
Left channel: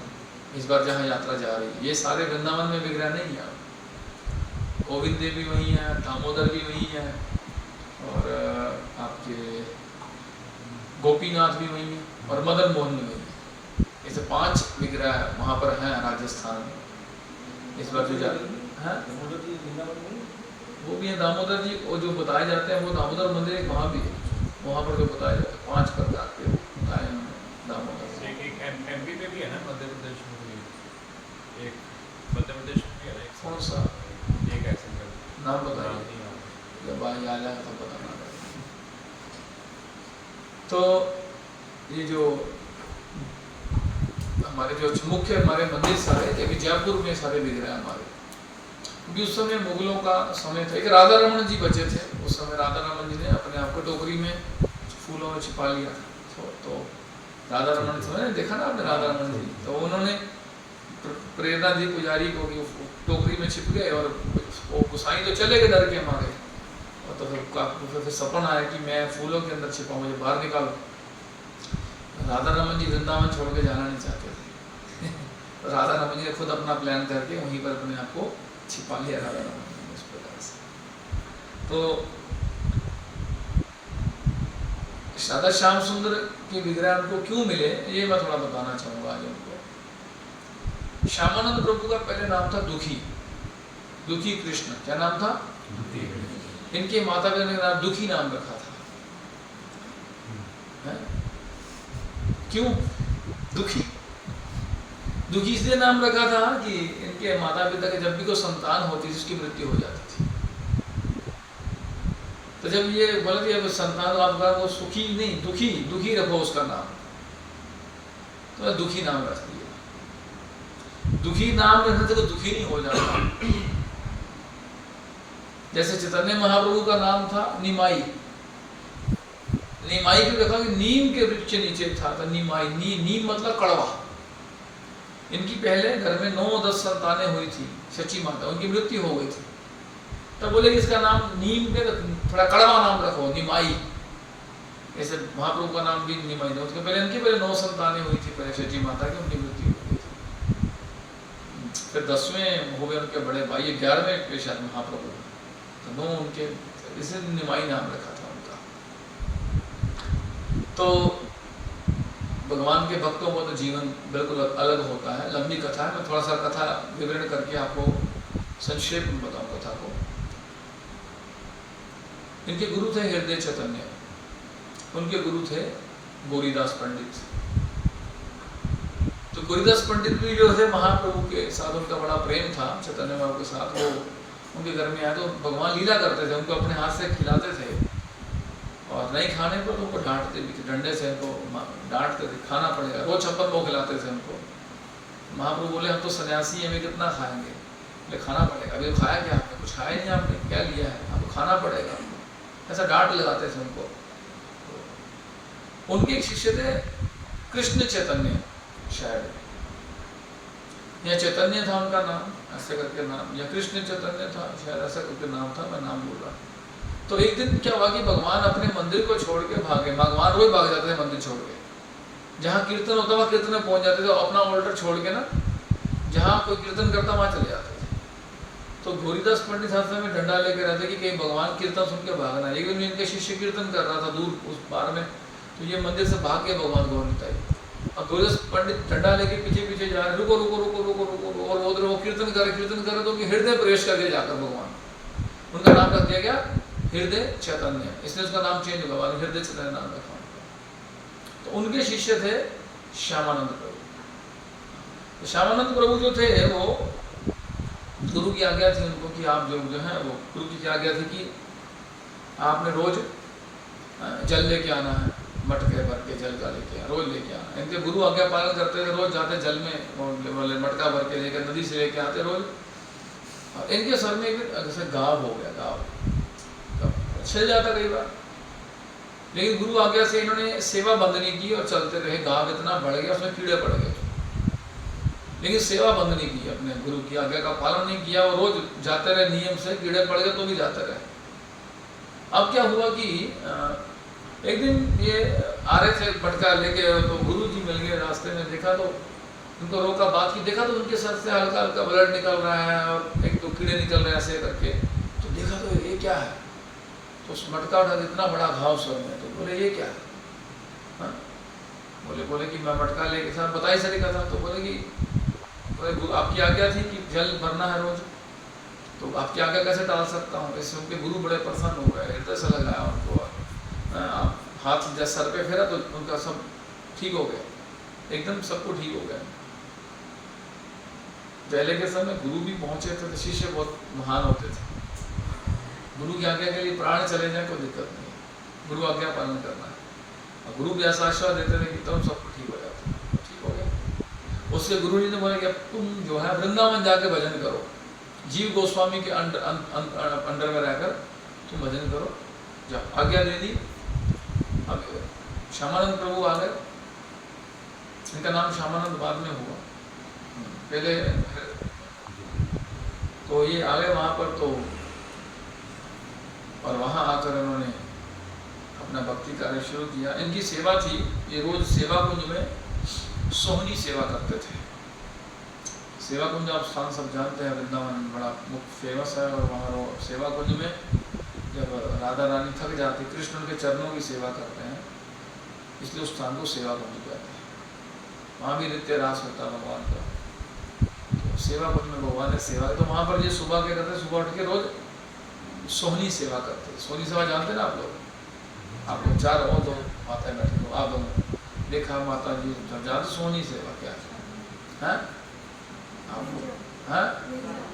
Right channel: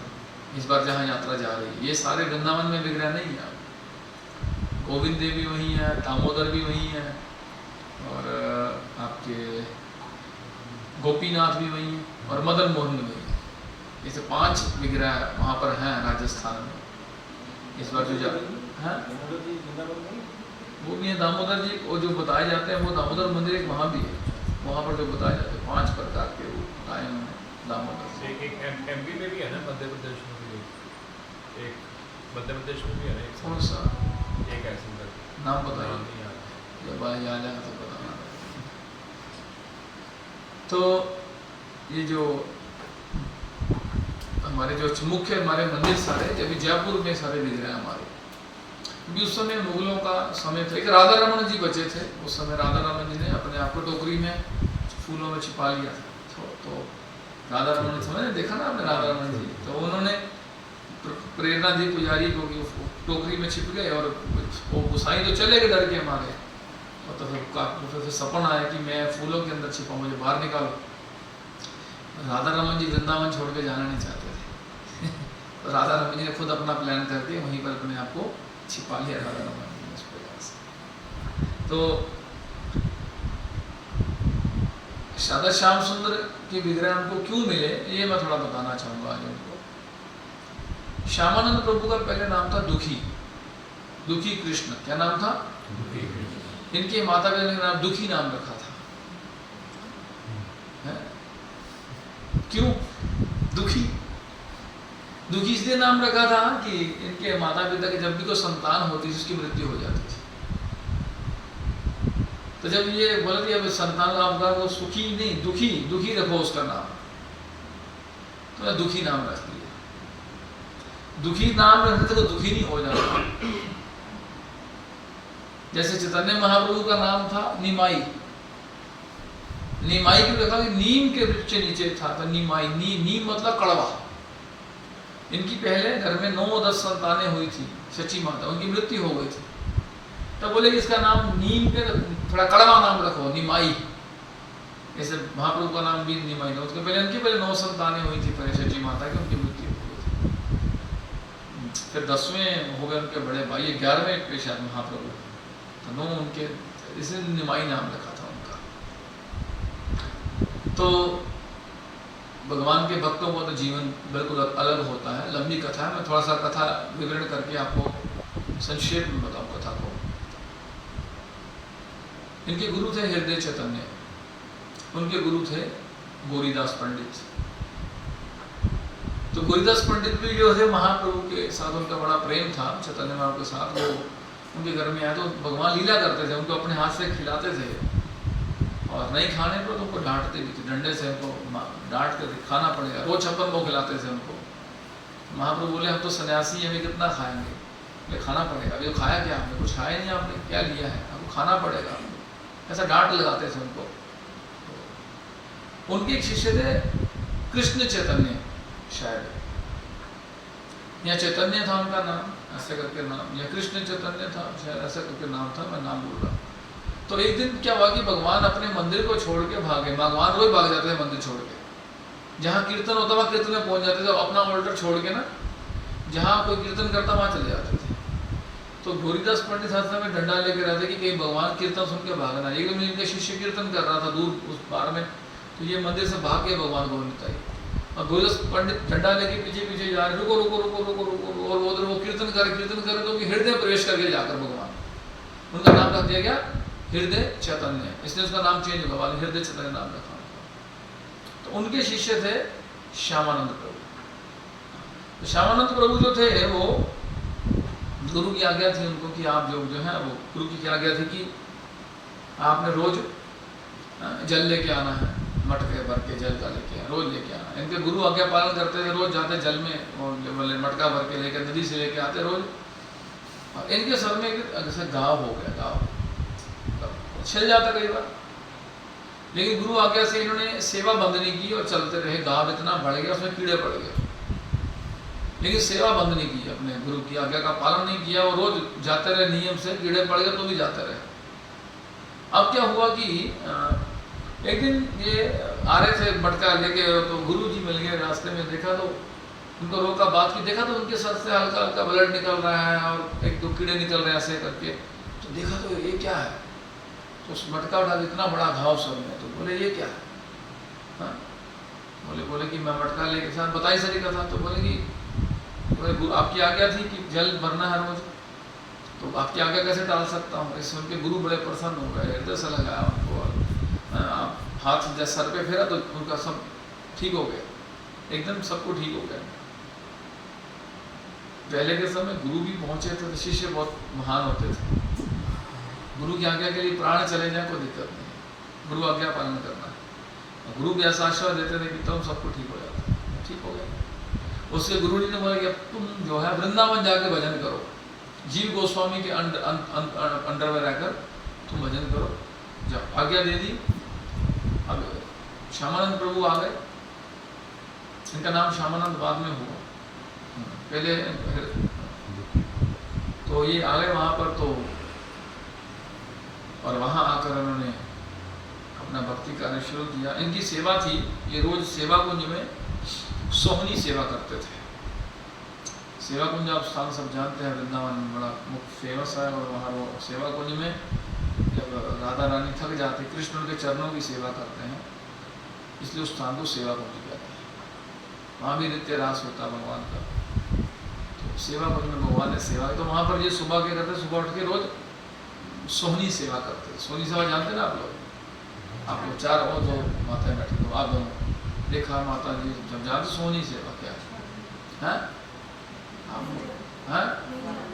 इस बार जहाँ यात्रा जा रही है, ये सारे वृंदावन में विग्रह नहीं है। गोविंद देव भी वही है, दामोदर भी वही है, और आपके गोपीनाथ भी वही है, और मदन मोहन भी वही है। ऐसे 5 विग्रह वहाँ पर हैं राजस्थान में। इस बार जो जा है वो भी है दामोदर जी, और जो बताए जाते हैं वो दामोदर मंदिर एक वहाँ भी है, वहाँ पर जो बताए जाते हैं 5 प्रकार के बताए उन्होंने दामोदर। एक एमपी में भी है ना, मध्य प्रदेश में भी एक, मध्य प्रदेश में भी है ना एक। कौन सा? एक ऐसा नाम बताइए, जब आ जाए तो बताना। तो ये जो हमारे जो मुख्य हमारे मंदिर सारे, जब जयपुर में सारे विग्रह हमारे, क्योंकि उस समय मुगलों का समय था। एक राधा रमन जी बचे थे उस समय। राधा रमन जी ने अपने आप को टोकरी में फूलों में छिपा लिया था। तो राधा रमन समय देखा ना आपने राधा रमन जी, तो उन्होंने प्रेरणा दी पुजारी को कि टोकरी में छिप गए, और वो गुसाई तो चले गए डर के मारे। और तो फिर सपन आया कि मैं फूलों के अंदर छिपा, मुझे बाहर निकालो। राधा रमन जी वृंदावन छोड़ के जाना नहीं चाहते थे। तो राधा रमन जी ने खुद अपना प्लान करके वहीं पर अपने आप को छिपा लिया राधा रमन जी ने इस प्रकार से। तो राधा श्याम सुंदर के विग्रह उनको क्यों मिले, ये मैं थोड़ा बताना चाहूँगा आज उनको। श्यामानंद प्रभु का पहले नाम था दुखी, दुखी कृष्ण। क्या नाम था? इनके माता पिता ने नाम दुखी नाम रखा था। है? क्यों दुखी? दुखी इसलिए नाम रखा था कि इनके माता पिता के जब भी कोई संतान होती थी उसकी मृत्यु हो जाती थी। तो जब ये बोला कि अब संतान आपका वो सुखी नहीं, दुखी, दुखी रखो उसका नाम, तो मैं दुखी नाम रख दिया। दुखी नाम रखते तो दुखी नहीं हो जाता। जैसे चैतन्य महाप्रभु का नाम था निमाई। निमाई क्यों रखा? कि नीम के वृक्ष नीचे था, तो निमाई। नीम मतलब कड़वा। इनकी पहले घर में 9-10 संतानें हुई थी, सच्ची माता, उनकी मृत्यु हो गई थी। तब बोले कि इसका नाम नीम के थोड़ा कड़वा नाम रखो, निमाई, ऐसे महाप्रभु का नाम भी निमाई था। उसके पहले उनकी 9 संतानें हुई थी पहले सच्ची माता की, उनकी मृत्यु हो गई थी। फिर 10वें हो गए उनके बड़े भाई, 11वें पे शायद महाप्रभु, तो 9 उनके, इसे निमाई नाम रखा था उनका। तो भगवान के भक्तों का तो जीवन बिल्कुल अलग होता है, लंबी कथा है। मैं थोड़ा सा कथा विवरण करके आपको संक्षेप में बताऊं कथा को। इनके गुरु थे हृदय चैतन्य, उनके गुरु थे गौरीदास पंडित। तो गौरीदास पंडित भी जो थे महाप्रभु के साथ उनका बड़ा प्रेम था, चैतन्य महाप्रभु के साथ। वो उनके घर में आए तो भगवान लीला करते थे, उनको अपने हाथ से खिलाते थे, और नहीं खाने पर तो उनको डांटते भी थे, डंडे से उनको डांट कर खाना पड़ेगा। रोज 56 वो खिलाते थे उनको। महाप्रभु बोले हम तो सन्यासी, हमें कितना खाएंगे, बोले खाना पड़ेगा। अभी खाया क्या आपने? कुछ खाया नहीं आपने, क्या लिया है, आपको खाना पड़ेगा। ऐसा डांट लगाते थे उनको। उनके एक शिष्य थे कृष्ण चैतन्य, शायद या चैतन्य था उनका नाम, ऐसे करके नाम, या कृष्ण चैतन्य था शायद, ऐसा करके नाम था, मैं नाम बोल रहा। तो एक दिन क्या हुआ कि भगवान अपने मंदिर को छोड़ के भागे। भगवान रोज भाग जाते थे मंदिर छोड़ के, जहाँ कीर्तन होता वहाँ कीर्तन में पहुंच जाते थे, अपना ऑल्टर छोड़ के ना, जहाँ कोई कीर्तन करता वहाँ चले जाते थे। तो गौरीदास पंडित हाथ में डंडा लेके रहते कि कहीं भगवान कीर्तन सुन के भागना। एक दिन इनके शिष्य कीर्तन कर रहा था दूर उस पार में, तो ये मंदिर से भाग के भगवान को निताई, और गौरीदास पंडित डंडा लेके पीछे पीछे जा रहे, रुको रुको रुको रुको रुको, और उधर वो कीर्तन करे तो हृदय प्रवेश करके जाकर भगवान, उनका नाम रख दिया गया हृदय चैतन्य, इसलिए उसका नाम चेंज हुआ, हृदय चैतन्य नाम रखा उनका। तो उनके शिष्य थे श्यामानंद प्रभु। तो श्यामानंद प्रभु जो थे वो, गुरु की आज्ञा थी उनको कि आप जो है वो, गुरु की आज्ञा थी कि आपने रोज जल लेके आना है, मटके भर के जल का लेके रोज लेके आना। इनके गुरु आज्ञा पालन करते थे, रोज जाते जल में मटका भर के लेके नदी से लेके आते रोज। और इनके सर में जैसे गाँव हो गया, गाँव छिल जाता कई बार, लेकिन गुरु आज्ञा से इन्होंने सेवा बंद नहीं की और चलते रहे। गाँव इतना बढ़ गया, उसमें कीड़े पड़ गए, लेकिन सेवा बंद नहीं की, अपने गुरु की आज्ञा का पालन नहीं किया, और रोज जाते रहे नियम से। कीड़े पड़ गए तो भी जाते रहे। अब क्या हुआ कि एक दिन ये आ रहे थे मटका लेके, तो गुरु जी मिल गए रास्ते में। देखा तो उनको रोका, बात की, देखा तो उनके सर से हल्का हल्का ब्लड निकल रहा है और एक दो कीड़े निकल रहे हैं ऐसे करके। तो देखा तो ये क्या है, तो उस मटका उठा, इतना बड़ा घाव सर में। तो बोले ये क्या है? हाँ, बोले कि मैं मटका लेके, साथ बताई सारी कथा। तो बोले कि आपकी आज्ञा थी कि जल भरना है रोज, तो आपकी आज्ञा कैसे टाल सकता हूँ। इसमें उनके गुरु बड़े प्रसन्न हो गए, हृदय से लगाया उनको, आप हाथ जैसे सर पे फेरा तो उनका सब ठीक हो गया, एकदम सबको ठीक हो गया। पहले के समय गुरु भी पहुंचे थे तो शिष्य बहुत महान होते थे। गुरु की आज्ञा के लिए प्राण चले जाए कोई दिक्कत नहीं, गुरु आज्ञा पालन करना है। और गुरु भी ऐसा आश्वास देते थे कि तुम सबको ठीक हो जाता, ठीक हो गया। उससे गुरु जी ने बोला कि तुम जो है वृंदावन जाके भजन करो, जीव गोस्वामी के अंडर में रहकर तुम भजन करो, जब आज्ञा दे दी। अब श्यामानंद प्रभु आ गए, इनका नाम श्यामानंद बाद में हुआ, पहले तो ये आ गए वहाँ पर। तो और वहाँ आकर उन्होंने अपना भक्ति कार्य शुरू किया। इनकी सेवा थी, ये रोज सेवा कुंज में सोहनी सेवा करते थे। सेवा कुंज आप स्थान सब जानते हैं, वृंदावन बड़ा मुख्य फेमस है। और वहाँ वो सेवा कुंज में जब राधा रानी थक जाती, कृष्ण उनके चरणों की सेवा करते हैं, इसलिए उस स्थान को सेवा कुंज कहते हैं। वहाँ भी नित्य रास होता भगवान का। तो सेवा कुंज में भगवान ने सेवा, तो वहाँ पर ये सुबह क्या करते, सुबह उठ के रोज सोहनी सेवा करते। सोहनी सेवा जानते ना आप लोग? आप लोग चार और दो माताएं बैठी हो, आप दोनों देखा माता जी जब जानते सोहनी सेवा क्या है? आप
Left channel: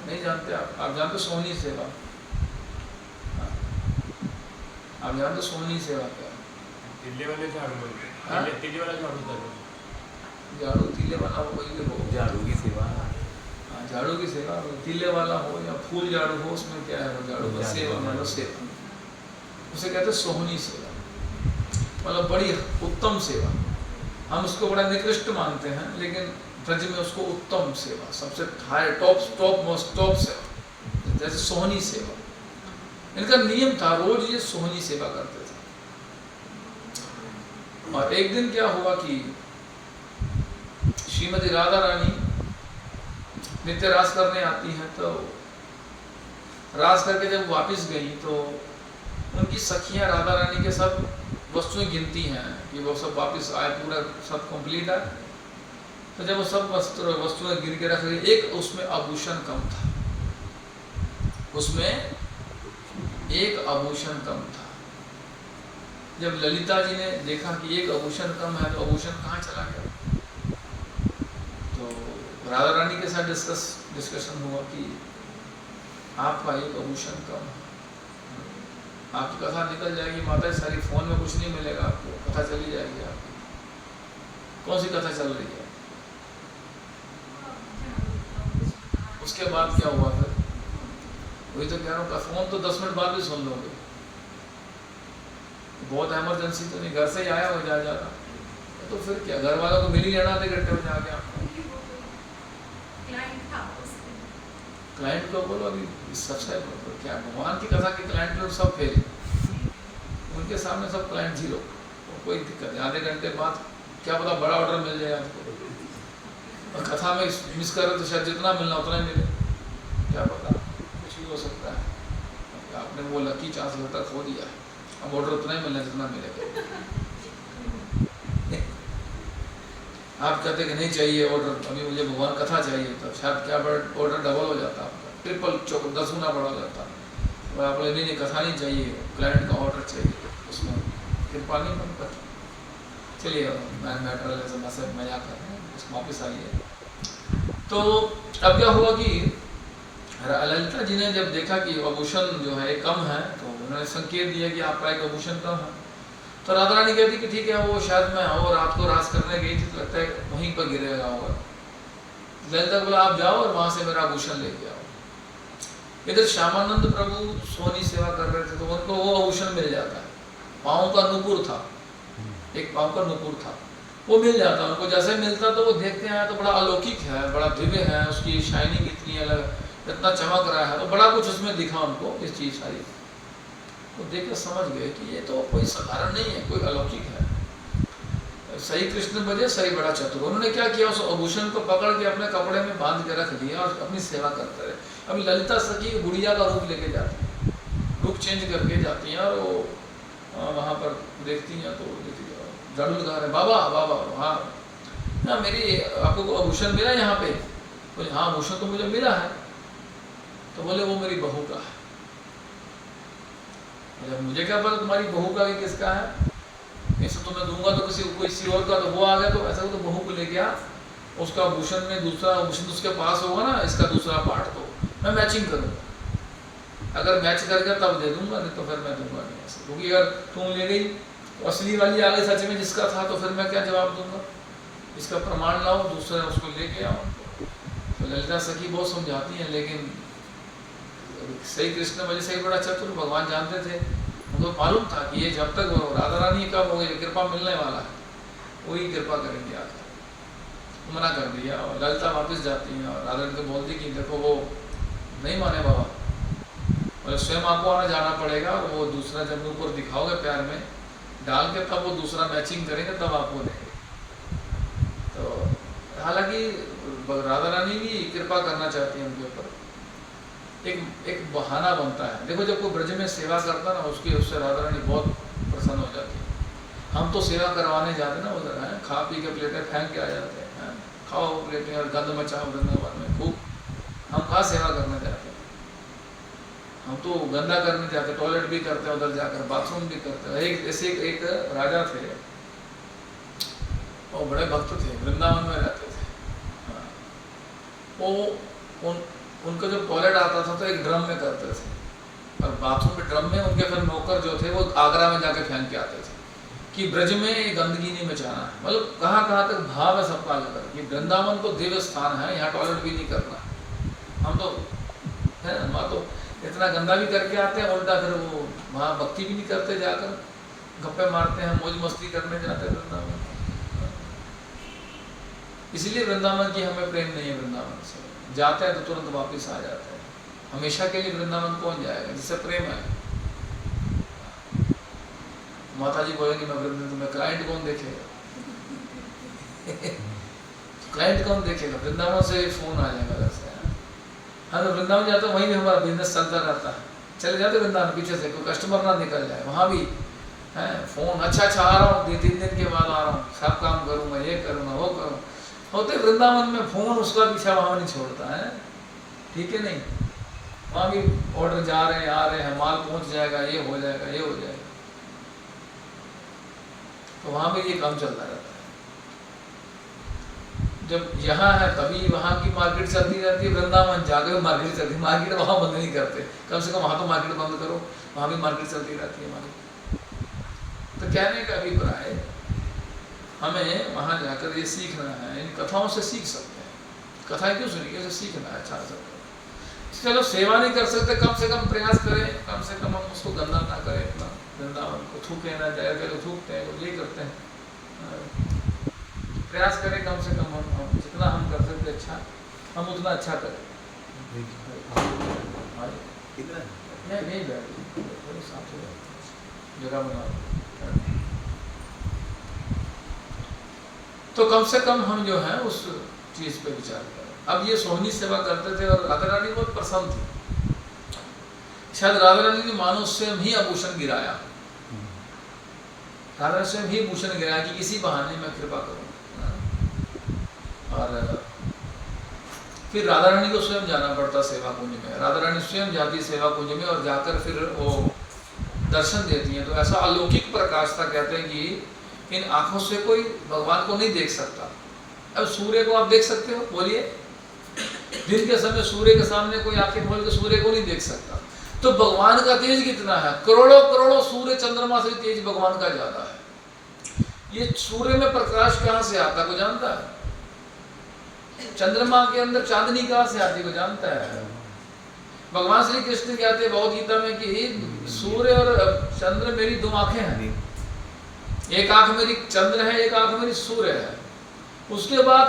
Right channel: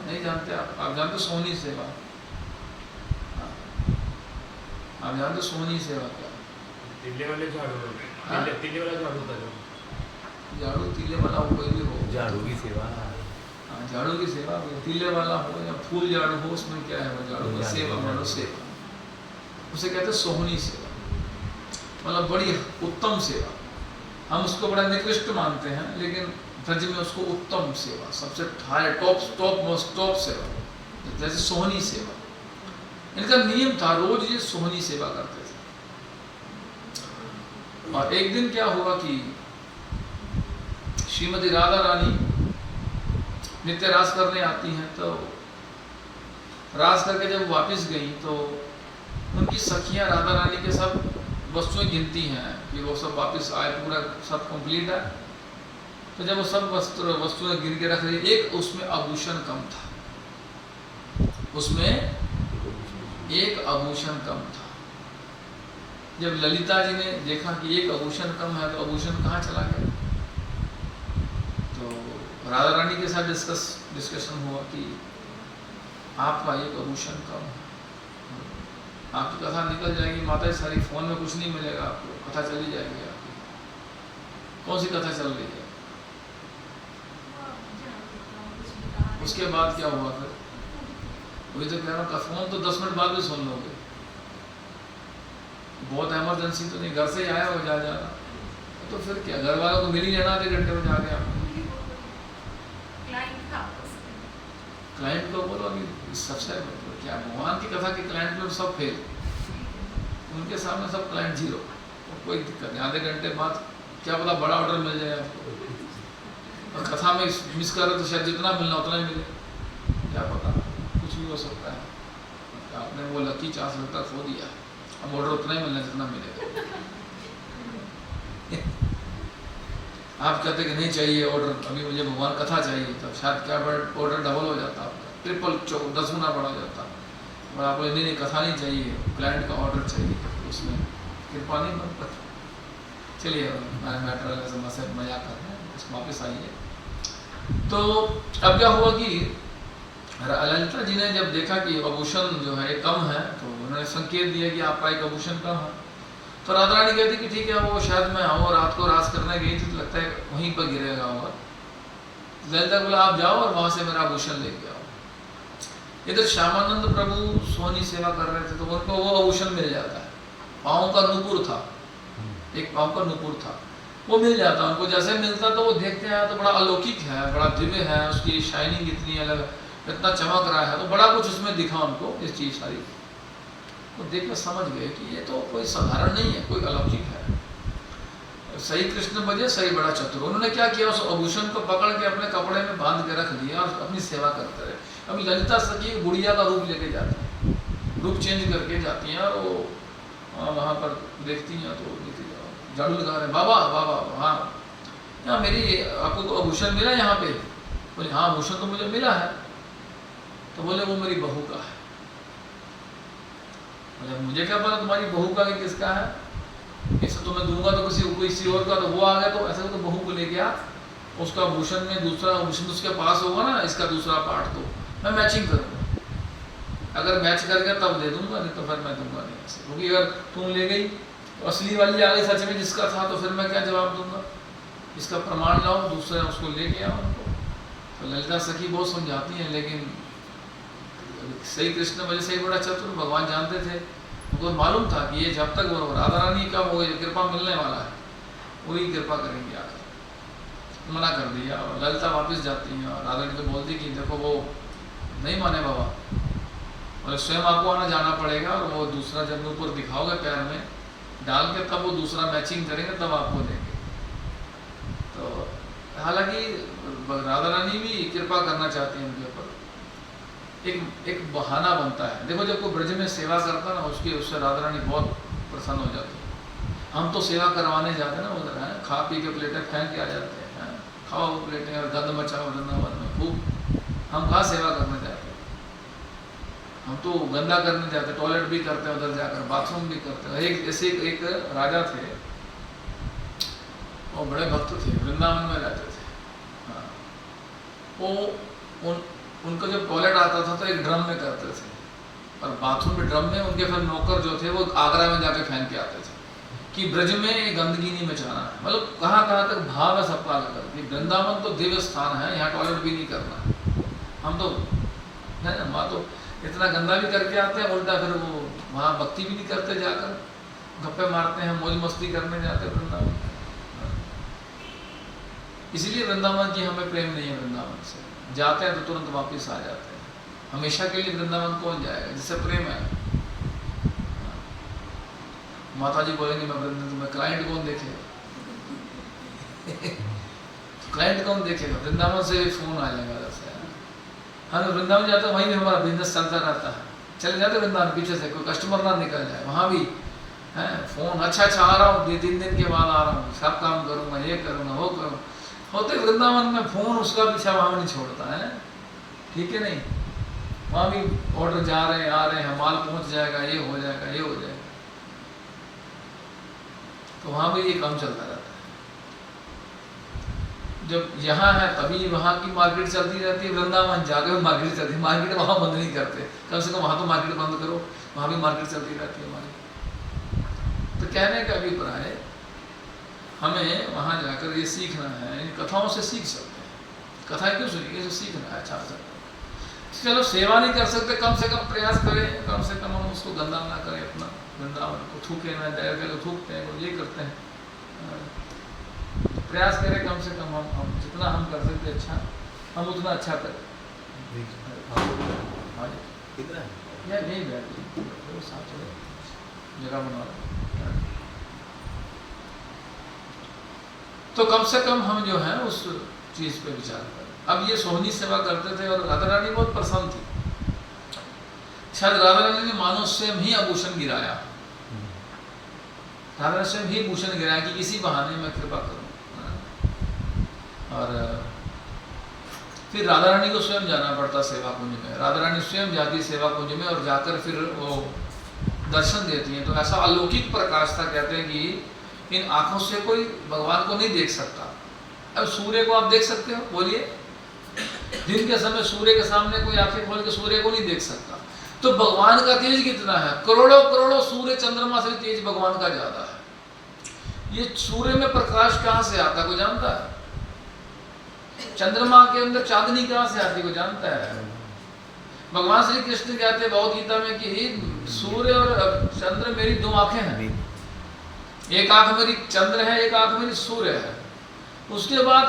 नहीं जानते? आप जानते सोहनी सेवा? आप जानते सोहनी सेवा क्या है? तीले वाले झाड़ू, तीले वाला झाड़ू था जो झाड़ू तीले वाला हो, कोई भी हो, झाड़ू की सेवा। झाड़ू की सेवा, तीले वाला हो या फूल झाड़ू हो, उसमें क्या है वो झाड़ू का सेवा, झाड़ू सेवा, उसे कहते हैं सोहनी सेवा, मतलब बड़ी उत्तम सेवा। हम उसको बड़ा निकृष्ट मानते हैं, लेकिन ब्रज में उसको उत्तम सेवा, सबसे हाई टॉप सेवा, जैसे सोहनी सेवा। इनका नियम था, रोज ये सोहनी सेवा करते थे। और एक दिन क्या हुआ कि श्रीमती राधा रानी नित्य रास करने आती हैं, तो रास करके जब वापस गई तो उनकी सखियां राधा रानी के सब वस्तुएं गिनती हैं कि वो सब वापस आए, पूरा सब कंप्लीट है। तो जब वो सब वस्तुएं गिन के रख रही, एक उसमें आभूषण कम था, उसमें एक आभूषण कम था। जब ललिता जी ने देखा कि एक आभूषण कम है, तो आभूषण कहाँ चला गया? तो राधा रानी के साथ डिस्कशन हुआ कि आपका एक आभूषण कम है, आपकी कथा निकल जाएगी माता जी सारी, फोन में कुछ नहीं मिलेगा आपको, कथा चली जाएगी आपकी। कौन सी कथा चल रही है? उसके बाद क्या हुआ फिर? वही तो कह रहा हूँ, फोन तो 10 मिनट बाद भी सुन लोगे, बहुत इमरजेंसी तो नहीं, घर से ही आया हो जा रहा, तो फिर क्या, घर वालों को मिल ही लेना आधे घंटे में जाके आपको। क्लाइंट को बोलो अभी सबसे क्या, भगवान की कथा के क्लाइंट लोग सब फेल, उनके सामने सब क्लाइंट जीरो, कोई दिक्कत नहीं। आधे घंटे बाद क्या पता बड़ा ऑर्डर मिल जाए आपको, और कथा में मिस कर रहे तो शायद जितना मिलना उतना ही मिले, क्या पता, कुछ भी हो सकता है। आपने वो लकी चांस लगता खो दिया, अब ऑर्डर उतना ही मिलना जितना मिलेगा। आप कहते कि नहीं चाहिए ऑर्डर, अभी मुझे भगवान कथा चाहिए, तो शायद क्या ऑर्डर डबल हो जाता, आपको ट्रिपल 10 गुना बढ़ा जाता। और आप बोले नहीं कथा नहीं चाहिए, क्लाइंट का ऑर्डर चाहिए, उसमें कृपा नहीं बन पाता। चलिए मैटर से मजा कर रहे हैं, वापस आइए। तो अब क्या हुआ कि ललिता जी ने जब देखा कि आभूषण जो है कम है, तो उन्होंने संकेत दिया कि आपका एक आभूषण कम है। तो राधा रानी कहती कि ठीक है, वो शायद मैं आऊँ, रात को रास करने गई थी तो लगता है वहीं पर गिरेगा होगा। ललिता बोला आप जाओ और वहां से मेरा आभूषण लेके आओ। इधर श्यामानंद प्रभु सोनी सेवा कर रहे थे, तो उनको वो आभूषण मिल जाता है, पाँव का नुपुर था, एक पाँव का नुपुर था, वो मिल जाता उनको। जैसे मिलता तो वो देखते हैं तो बड़ा अलौकिक है, बड़ा दिव्य है, उसकी शाइनिंग इतनी अलग, इतना चमक रहा है, तो बड़ा कुछ उसमें दिखा उनको, इस चीज सारी तो देखकर समझ गए कि ये तो कोई साधारण नहीं है, कोई अलौकिक है। सही कृष्ण बजे सही बड़ा चतुर। उन्होंने क्या किया, उस आभूषण को पकड़ के अपने कपड़े में बांध के रख दिया और अपनी सेवा करते रहे। अभी ललिता सखी गुड़िया का रूप लेके जाती है, रूप चेंज करके जाती हैं, और वो वहाँ पर देखती हैं तो झाड़ू लगा रहे, बाबा बाबा हाँ यहाँ मेरी आपको आभूषण मिला यहाँ पे? बोले हाँ आभूषण तो मुझे मिला है। तो बोले वो मेरी बहू का है। मुझे क्या पता तुम्हारी बहू का कि किसका है, ऐसे तो मैं दूंगा तो किसी और का, तो वो आ गया तो ऐसा तो बहू को लेके आ, उसका आभूषण में दूसरा आभूषण उसके पास होगा ना, इसका दूसरा पार्ट तो मैं मैचिंग करूंगा, अगर मैच करेगा तब दे दूंगा, नहीं तो फिर मैं दूंगा नहीं ऐसे। क्योंकि अगर तुम ले गई असली वाली आ गई सच में जिसका था, तो फिर मैं क्या जवाब दूंगा, इसका प्रमाण लाओ, दूसरे उसको लेके आओ उनको। तो ललिता सखी बहुत समझाती हैं, लेकिन सही कृष्ण वजह से ही बड़ा चतुर, भगवान जानते थे, उनको मालूम था कि ये जब तक वो राधा रानी कब हो कृपा मिलने वाला है, वही कृपा करेंगे आकर। मना कर दिया, और ललिता वापस जाती है और राधा रानी को बोलती कि देखो वो नहीं माने बाबा, और स्वयं आपको आना जाना पड़ेगा, और वो दूसरा जब ऊपर दिखाओगे प्यार में डाल के, तब वो दूसरा मैचिंग करेंगे, तब आपको देंगे। तो हालांकि राधा रानी भी कृपा करना चाहती है उनके ऊपर, एक बहाना बनता है। देखो जब कोई ब्रज में सेवा करता ना, उससे राधा रानी बहुत प्रसन्न हो जाती है। हम तो सेवा करवाने जाते ना उधर है, खा पी के प्लेटें फेंक के आ जाते हैं, खाओ प्लेटें और गंद मचाओ वृंदावन में खूब, हम कहाँ सेवा करने जाते हैं, हम तो गंदा करने जाते, टॉयलेट भी करते हैं उधर जाकर, बाथरूम भी करते हैं। एक राजा थे, वो बड़े भक्त थे, वृंदावन में रहते थे। वो उनका जब टॉयलेट आता था तो एक ड्रम में करते थे, और बाथरूम में ड्रम में उनके फिर नौकर जो थे वो आगरा में जाके फेंक के आते थे कि ब्रज में गंदगी नहीं मचाना है। मतलब कहाँ कहाँ तक भाव है सपना लेकर कि वृंदावन तो दिव्य स्थान है, यहाँ टॉयलेट भी नहीं करना है। हम तो है वहाँ तो इतना गंदा भी करके आते हैं, उल्टा फिर वो वहाँ भक्ति भी नहीं करते, जाकर गप्पे मारते हैं, मौज मस्ती करने जाते हैं वृंदावन। इसलिए वृंदावन की हमें प्रेम नहीं है। वृंदावन से जाते हैं तो तुरंत वापस आ जाते हैं। हमेशा के लिए वृंदावन कौन जाएगा जिससे प्रेम है? माता जी बोलेंगे मैं वृंदावन में, क्लाइंट कौन देखेगा? क्लाइंट कौन देखेगा? वृंदावन से फोन आ जाएगा वैसे। हम तो वृंदावन जाते हैं, वहीं भी हमारा बिजनेस चलता रहता है। चले जाते वृंदावन, पीछे से कोई कस्टमर ना निकल जाए, वहाँ भी है फोन, अच्छा आ रहा हूँ, 2-3 दिन के बाद आ रहा हूँ, सब काम करूँगा, ये करूँगा, वो करूँ। होते वृंदावन में फोन उसका पीछा वहाँ नहीं छोड़ता है, ठीक है नहीं? वहाँ भी ऑर्डर जा रहे हैं, आ रहे हैं, माल पहुँच जाएगा, ये हो जाएगा, ये हो जाएगा। तो वहाँ भी ये काम चलता रहता है। जब यहाँ है तभी वहाँ की मार्केट चलती रहती है, वृंदावन जाकर मार्केट चलती है। मार्केट वहाँ बंद नहीं करते, कम से कम वहाँ तो मार्केट बंद करो, वहाँ भी मार्केट चलती रहती है हमारी। तो कहने का अभिप्राय, हमें वहाँ जाकर ये सीखना है, इन कथाओं से सीख सकते हैं। कथाएं क्यों सुनिए? इसे सीखना है अच्छा सा। चलो सेवा नहीं कर सकते, कम से कम प्रयास करें, कम से कम हम उसको गंदा ना करें, अपना वृंदावन को थूके ना जाए, लोग थूकते हैं, वो ये करते हैं। प्रयास करें कम से कम हम जितना हम कर सकते अच्छा, हम उतना अच्छा करें। जगह बना, तो कम से कम हम जो है उस चीज पे विचार करें। अब ये सोहनी सेवा करते थे और राधा रानी बहुत प्रसन्न थी। शायद राधा रानी ने मानो स्वयं ही आभूषण गिराया, राधा रानी स्वयं ही भूषण गिराया कि किसी बहाने में कृपा करूं। और फिर राधा रानी को स्वयं जाना पड़ता सेवा कुंज में। राधा रानी स्वयं जाती सेवा कुंज में और जाकर फिर वो दर्शन देती हैं। तो ऐसा अलौकिक प्रकाश था, कहते हैं कि इन आंखों से कोई भगवान को नहीं देख सकता। अब सूर्य को आप देख सकते हो? बोलिए, दिन के समय सूर्य के सामने कोई आंखें खोल के सूर्य को नहीं देख सकता। तो भगवान का तेज कितना है, करोड़ों करोड़ों सूर्य चंद्रमा से तेज भगवान का ज्यादा है। ये सूर्य में प्रकाश कहाँ से आता है, कोई जानता है? चंद्रमा के अंदर चांदनी कहाँ से आती है, कोई जानता है? भगवान श्री कृष्ण कहते हैं भगवद गीता में कि सूर्य और चंद्र मेरी दो आंखें हैं, एक आंख मेरी चंद्र है, एक आंख मेरी सूर्य है। उसके बाद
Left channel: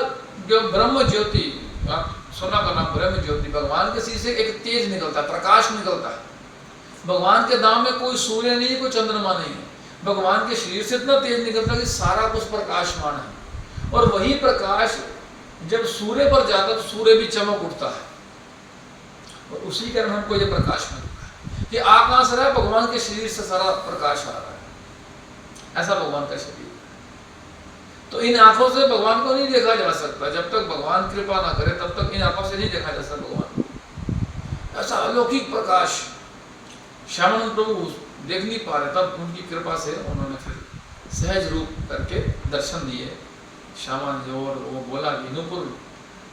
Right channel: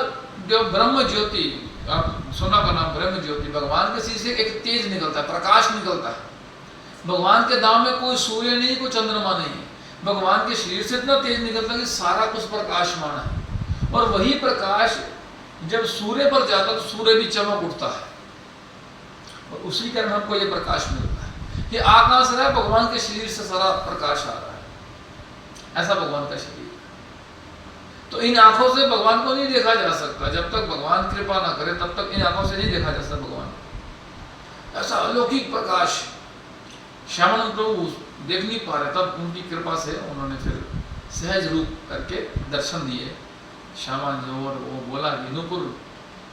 जो ब्रह्म ज्योति, आप सुना का नाम ब्रह्म ज्योति, भगवान के शीशे एक तेज निकलता है, प्रकाश निकलता है। भगवान के दाम में कोई सूर्य नहीं, कोई चंद्रमा नहीं है। भगवान के शरीर से इतना तेज निकलता है कि सारा कुछ प्रकाशमान है। और वही प्रकाश जब सूर्य पर जाता तो सूर्य भी चमक उठता है, और उसी कारण हमको ये प्रकाश मिलता है। ये आकाश रहा, भगवान के शरीर से सारा प्रकाश आ रहा है, ऐसा भगवान का शरीर। तो इन आंखों से भगवान को नहीं देखा जा सकता, जब तक भगवान कृपा ना करे तब तक इन आंखों से नहीं देखा जा सकता भगवान को। ऐसा अलौकिक प्रकाश श्यामानंद प्रभु देख नहीं पा रहे, तब उनकी कृपा से उन्होंने फिर सहज रूप करके दर्शन दिए श्यामानंद जी। और वो बोला कि नुपुर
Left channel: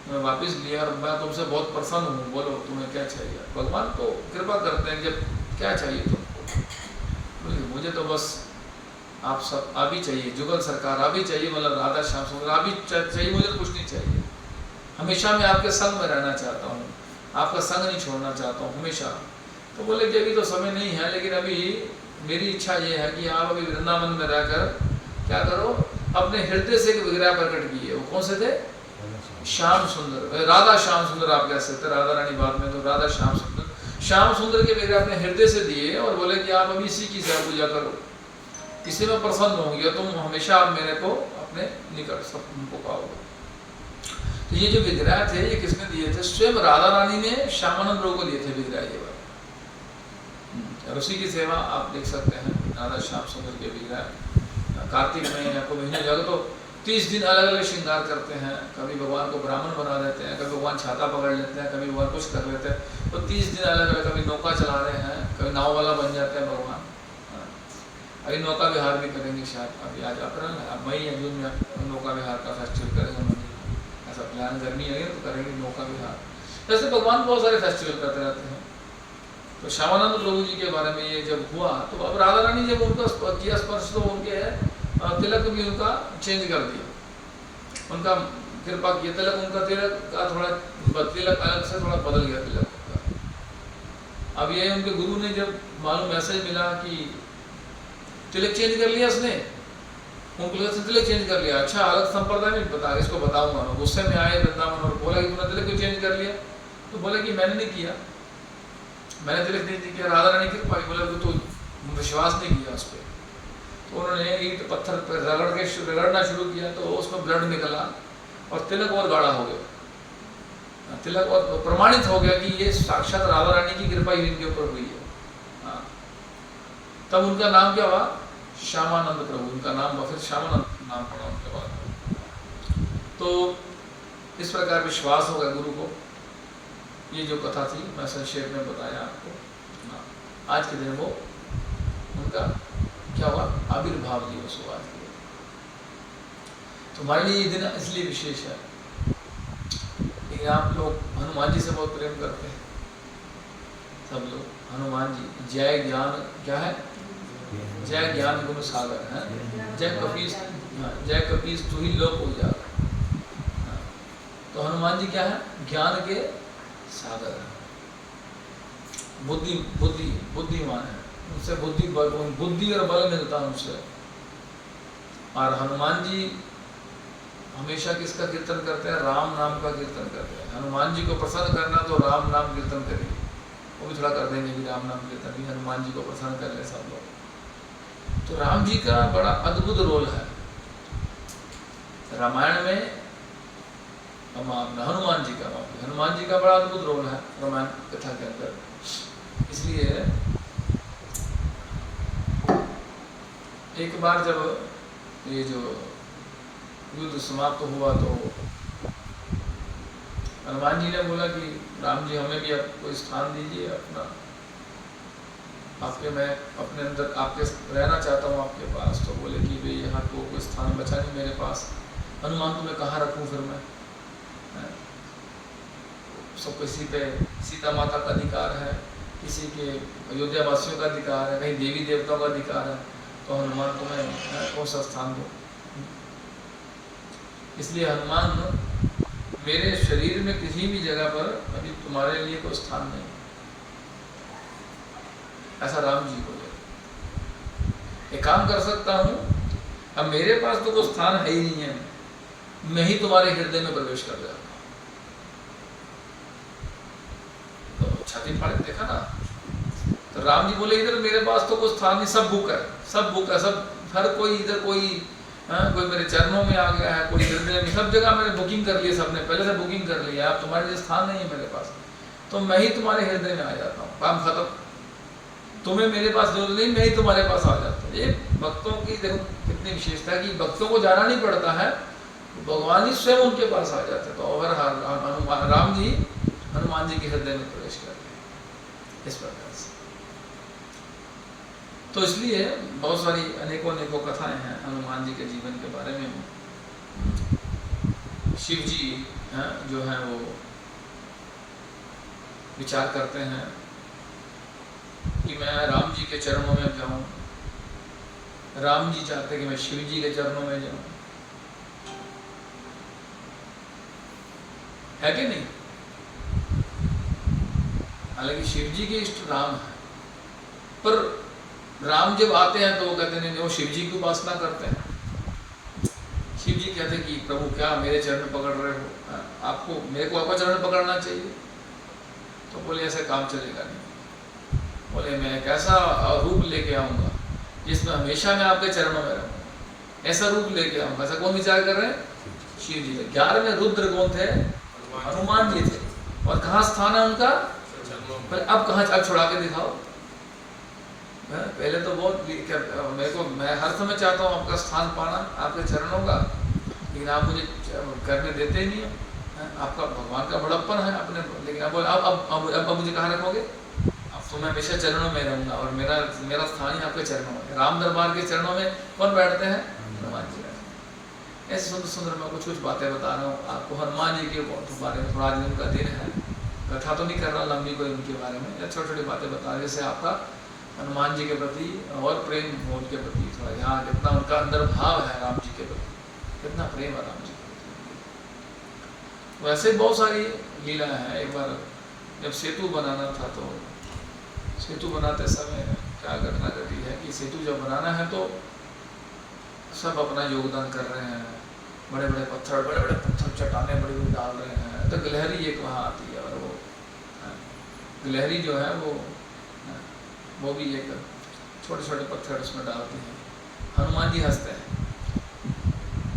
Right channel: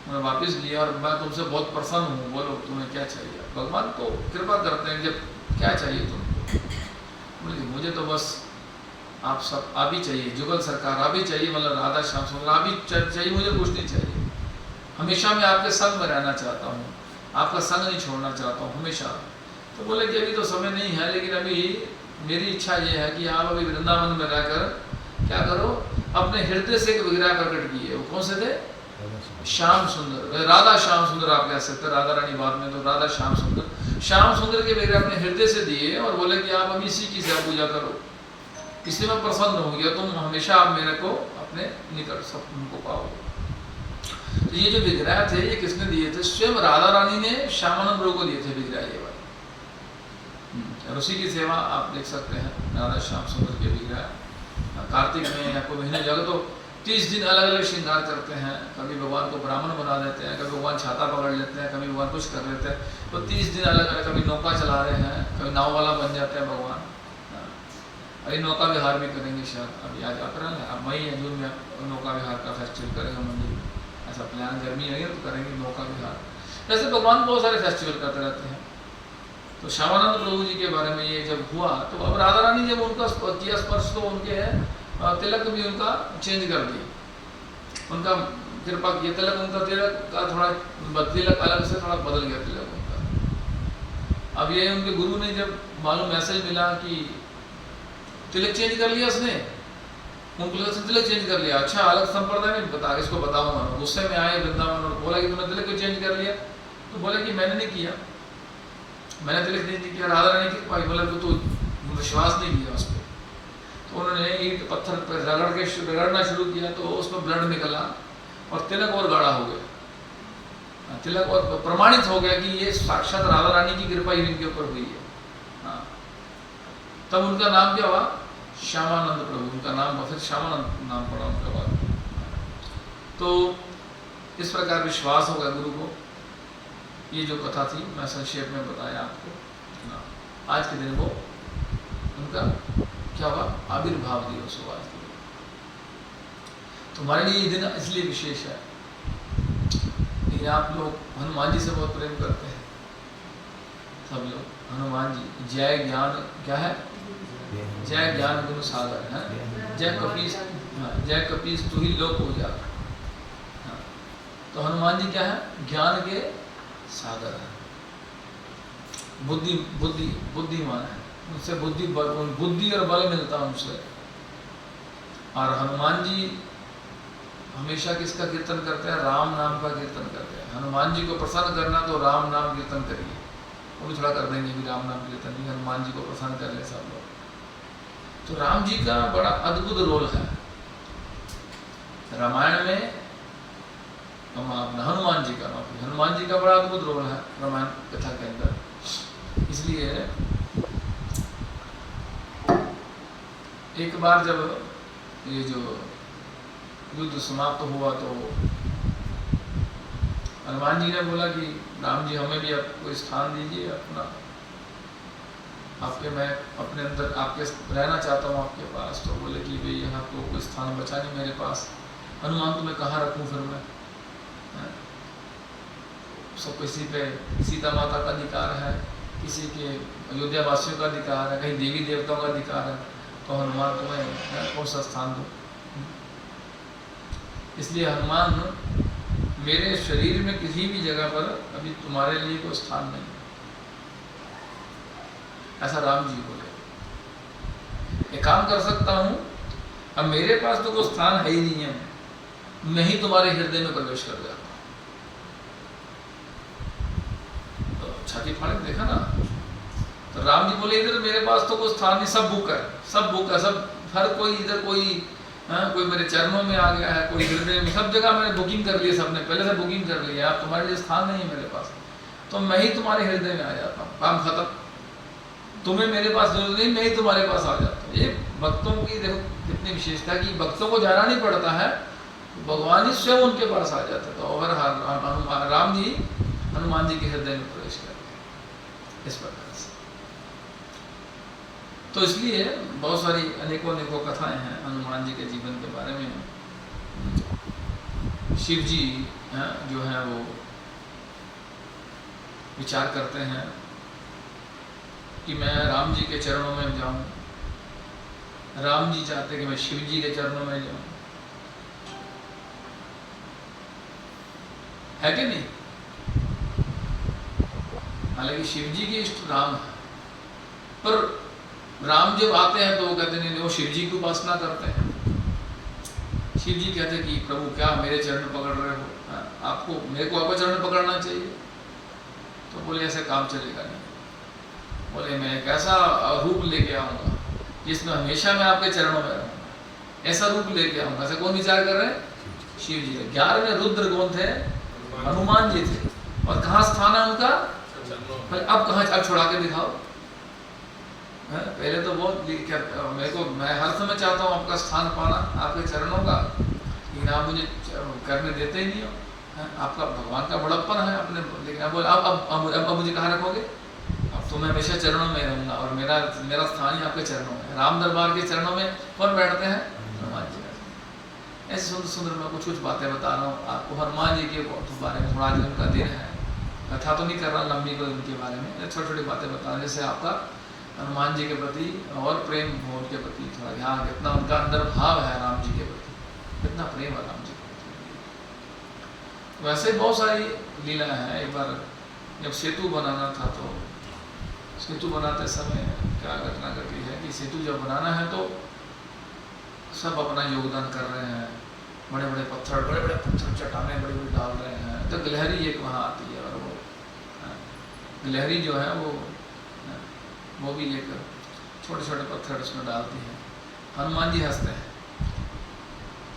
मैं वापस लिया और मैं तुमसे बहुत प्रसन्न हूँ, बोलो तुम्हें क्या चाहिए। भगवान तो कृपा करते हैं, जब क्या चाहिए तुमको? बोले मुझे तो बस आप सब आप ही चाहिए, जुगल सरकार आप ही चाहिए, मतलब राधा श्याम सुंदर आप ही चाहिए, मुझे तो कुछ नहीं चाहिए। हमेशा मैं आपके संग में रहना चाहता हूँ, आपका संग नहीं छोड़ना चाहता हूँ हमेशा। तो बोले कि अभी तो समय नहीं है, लेकिन अभी मेरी इच्छा ये है कि आप अभी वृंदावन में रहकर क्या करो, अपने हृदय से एक विग्रह प्रकट किए। वो कौन से थे? श्याम सुंदर, राधा श्याम सुंदर आप कह सकते, राधा रानी बाद में तो राधा श्याम सुंदर। श्याम सुंदर के विग्रह अपने हृदय से दिए और बोले कि आप अभी इसी की पूजा करो, इसी में प्रसन्न होंगे, तुम हमेशा आप मेरे को अपने निकट सब तुमको पाओगे। तो ये जो विग्रह थे ये किसने दिए थे? स्वयं राधा रानी ने श्यामानंद प्रभु को दिए थे विग्रह ये वाले। और उसी की सेवा आप देख सकते हैं, राधा श्याम सुंदर के विग्रह कार्तिक में आपको महीने लगे तो 30 दिन अलग अलग श्रृंगार करते हैं। कभी भगवान को ब्राह्मण बना देते हैं, कभी भगवान छाता पकड़ लेते हैं, कभी भगवान कुछ कर लेते हैं। तो 30 दिन अलग अलग, कभी नौका चला रहे हैं, कभी नाव वाला बन जाते हैं भगवान। अभी नौका विहार भी करेंगे शायद, अभी आज अप्रैल है, अब मई या जून में नौका विहार का फेस्टिवल करेंगे मंदिर में। ऐसा प्लान, गर्मी लगे तो करेंगे नौका विहार। ऐसे भगवान बहुत सारे फेस्टिवल करते रहते हैं। तो श्यामानंद प्रभु जी के बारे में ये जब हुआ तो अब राधा रानी जब उनका किया स्पर्श तो उनके तिलक भी उनका चेंज कर दिया, उनका कृपा किया। तिलक उनका तिलक का थोड़ा तिलक अलग से थोड़ा बदल गया तिलक उनका। अब ये उनके गुरु ने जब मालूम मैसेज मिला कि तिलक चेंज कर लिया उसने, उनको तिलक चेंज कर लिया। अच्छा, अलग संप्रदाय में बता, इसको बताऊंगा। गुस्से में आए वृंदावन और बोला कि तूने तिलक क्यों चेंज कर लिया? तो बोले कि मैंने नहीं किया, मैंने तिलक नहीं किया, राधा रानी की पाई। बोले तो विश्वास नहीं किया उस पर। तो उन्होंने ईंट पत्थर पर रगड़ना शुरू किया, तो उसमें ब्लड निकला और तिलक और गाढ़ा हो गया। तिलक और प्रमाणित हो गया कि ये साक्षात राधा रानी की कृपा इनके ऊपर हुई है। हाँ, तब उनका नाम क्या हुआ? श्यामानंद प्रभु। उनका नाम फिर श्यामानंद नाम पड़ा उनका बाद। तो इस प्रकार विश्वास होगा गुरु को। ये जो कथा थी मैं संक्षेप में बताया आपको। आज के दिन वो उनका क्या हुआ? आविर्भाव दिवस हुआ आज के दिन। तुम्हारे लिए ये दिन इसलिए विशेष है कि आप लोग हनुमान जी से बहुत प्रेम करते हैं, सब लोग। हनुमान जी जय ज्ञान क्या है? जय ज्ञान गुण सागर है। जय कपीस, जय कपीस तू ही लोक उजागर। तो हनुमान जी क्या है? ज्ञान के सागर है, बुद्धिमान है। उनसे बुद्धि और बल मिलता है उनसे। और हनुमान जी हमेशा किसका कीर्तन करते हैं? राम नाम का कीर्तन करते हैं। हनुमान जी को प्रसन्न करना तो राम नाम कीर्तन करिए। वो भी थोड़ा कर देंगे भी राम नाम कीर्तन भी, हनुमान जी को प्रसन्न कर ले सब लोग। तो राम जी का बड़ा अद्भुत रोल है रामायण में। हनुमान जी का बड़ा अद्भुत रोल है रामायण कथा के अंदर। इसलिए एक बार जब ये जो युद्ध समाप्त हुआ तो हनुमान जी ने बोला कि राम जी हमें भी अब कोई स्थान दीजिए अपना, आपके मैं अपने अंदर आपके रहना चाहता हूँ आपके पास। तो बोले कि भाई यहाँ तो कोई स्थान बचा नहीं मेरे पास। हनुमान तुम्हें कहाँ रखूँ फिर मैं? सब किसी पे सीता माता का अधिकार है, किसी के अयोध्या वासियों का अधिकार है, कहीं देवी देवताओं का अधिकार है। तो हनुमान तुम्हें कौन सा स्थान दो? इसलिए हनुमान मेरे शरीर में किसी भी जगह पर अभी तुम्हारे लिए कोई स्थान नहीं, ऐसा राम जी बोले। एक काम कर सकता हूं, अब मेरे पास तो कोई स्थान है ही नहीं है, मैं ही तुम्हारे हृदय में प्रवेश कर गया। तो छाती फाड़ देखा ना। तो राम जी बोले इधर मेरे पास तो कोई स्थान नहीं, सब बुक है, सब हर कोई इधर कोई मेरे चरणों में आ गया है, कोई हृदय में, सब जगह मैंने बुकिंग कर ली, सबने पहले से बुकिंग कर लिया। अब तुम्हारे लिए स्थान नहीं है मेरे पास, तो मैं ही तुम्हारे हृदय में आ जाता हूँ, काम खत्म। तुम्हें मेरे पास जरूरत नहीं, मैं ही तुम्हारे पास आ जाता हूँ। ये भक्तों की देखो कितनी विशेषता है कि भक्तों को जाना नहीं पड़ता है, भगवान ही स्वयं उनके पास आ जाता है। तो अगर राम जी हनुमान जी के हृदय में प्रवेश करते हैं इस प्रकार से। तो इसलिए बहुत सारी अनेकों कथाएं हैं हनुमान जी के जीवन के बारे में। शिव जी जो हैं वो विचार करते हैं कि मैं राम जी के चरणों में जाऊं। राम जी चाहते कि मैं शिव जी के चरणों में जाऊं, है कि नहीं? हालांकि शिव जी के इष्ट राम है, पर राम जब आते हैं तो वो कहते नहीं, वो शिव जी की उपासना करते हैं। शिव जी कहते कि प्रभु क्या मेरे चरण पकड़ रहे हो, आपको मेरे को आपका चरण पकड़ना चाहिए। तो बोले ऐसे काम चलेगा नहीं। बोले मैं एक ऐसा रूप लेके आऊंगा जिसमें हमेशा मैं आपके चरणों में रहूंगा, ऐसा रूप लेके आऊंगा। ऐसा कौन विचार कर रहे हैं? शिव जी। 11वें रुद्र कौन थे? हनुमान जी थे। और कहाँ स्थान है उनका? अब कहाँ, अब छुड़ा के दिखाओ। पहले तो बहुत मेरे को, मैं हर समय चाहता हूँ आपका स्थान पाना, आपके चरणों का, लेकिन आप मुझे करने देते ही नहीं हो। आपका भगवान का बड़प्पन है आपने, लेकिन अब मुझे कहाँ रखोगे? अब तो मैं हमेशा चरणों में रहूंगा और मेरा स्थान ही आपके चरणों में। राम दरबार के चरणों में कौन बैठते हैं? हनुमान जी बैठते। ऐसे सुंदर सुंदर मैं कुछ बातें बता रहा हूँ आपको हनुमान जी के बारे में। थोड़ा आज उनका दिन है, कथा तो नहीं कर रहा लंबी कोई उनके बारे में, छोटी छोटी बातें बता रहे, जैसे आपका हनुमान जी के प्रति और प्रेम हो उनके प्रति। थोड़ा यहाँ कितना उनका अंदर भाव है राम जी के प्रति, कितना प्रेम है राम जी के प्रति। वैसे बहुत सारी लीला है। एक बार जब सेतु बनाना था तो सेतु बनाते समय क्या घटना घटी है कि सेतु जब बनाना है तो सब अपना योगदान कर रहे हैं, बड़े बड़े पत्थर चट्टानें बड़ी बड़ी डाल रहे हैं, तो गिलहरी एक वहाँ आती है और वो गिलहरी जो है वो भी एक छोटे छोटे पत्थर उसमें डालती है। हनुमान जी हंसते हैं,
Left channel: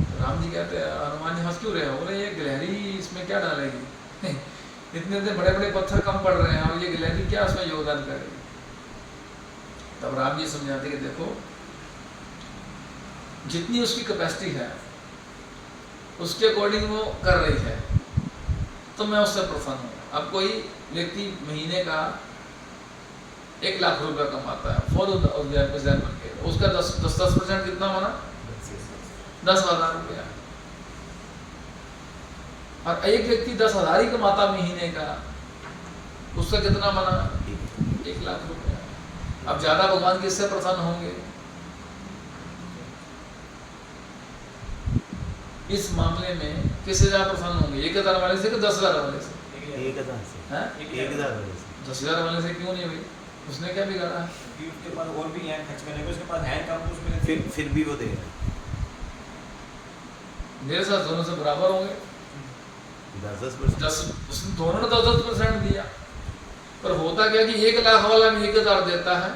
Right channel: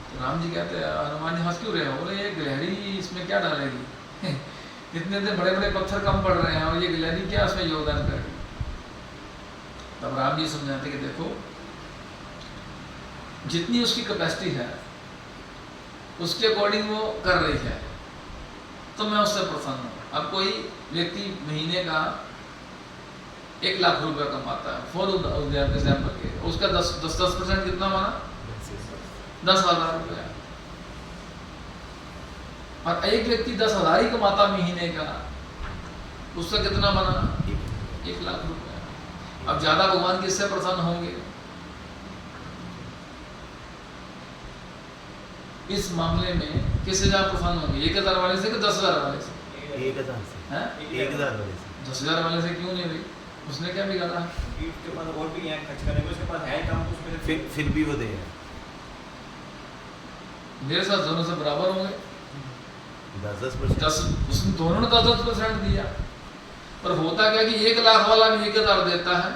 तो राम जी कहते हैं हनुमान जी हंस क्यों रहे हो? बोले ये गिलहरी इसमें क्या डालेगी इतने बड़े बड़े पत्थर कम पड़ रहे हैं और ये गिलहरी क्या उसमें योगदान करेगी? तब राम जी समझाते कि देखो जितनी उसकी कैपेसिटी है उसके अकॉर्डिंग वो कर रही है, तो मैं उससे प्रसन्न हूँ। अब कोई व्यक्ति महीने का 1 लाख रुपया कमाता है, फॉर एग्जाम्पल के, उसका 10% कितना बना? 10,000 रुपया। और एक व्यक्ति 10,000 ही कमाता महीने का, उसका कितना बना? 1 लाख रुपया। अब ज्यादा भगवान किससे प्रसन्न होंगे? इस मामले में किससे ज्यादा प्रसन्न होंगे? 1,000 वाले से कि 10,000 वाले से? 1,000 से। 1,000 वाले से। 10,000 वाले से क्यों नहीं भाई? उसने क्या बिगाड़ा? उसके पास और भी है खर्च करने को, उसके पास है कम, उसमें फिर भी वो दे रहा है। मेरे साथ दोनों से बराबर होंगे। 10% उसने दोनों ने 10% दिया, पर होता क्या कि 1 लाख वाला भी 1,000 देता है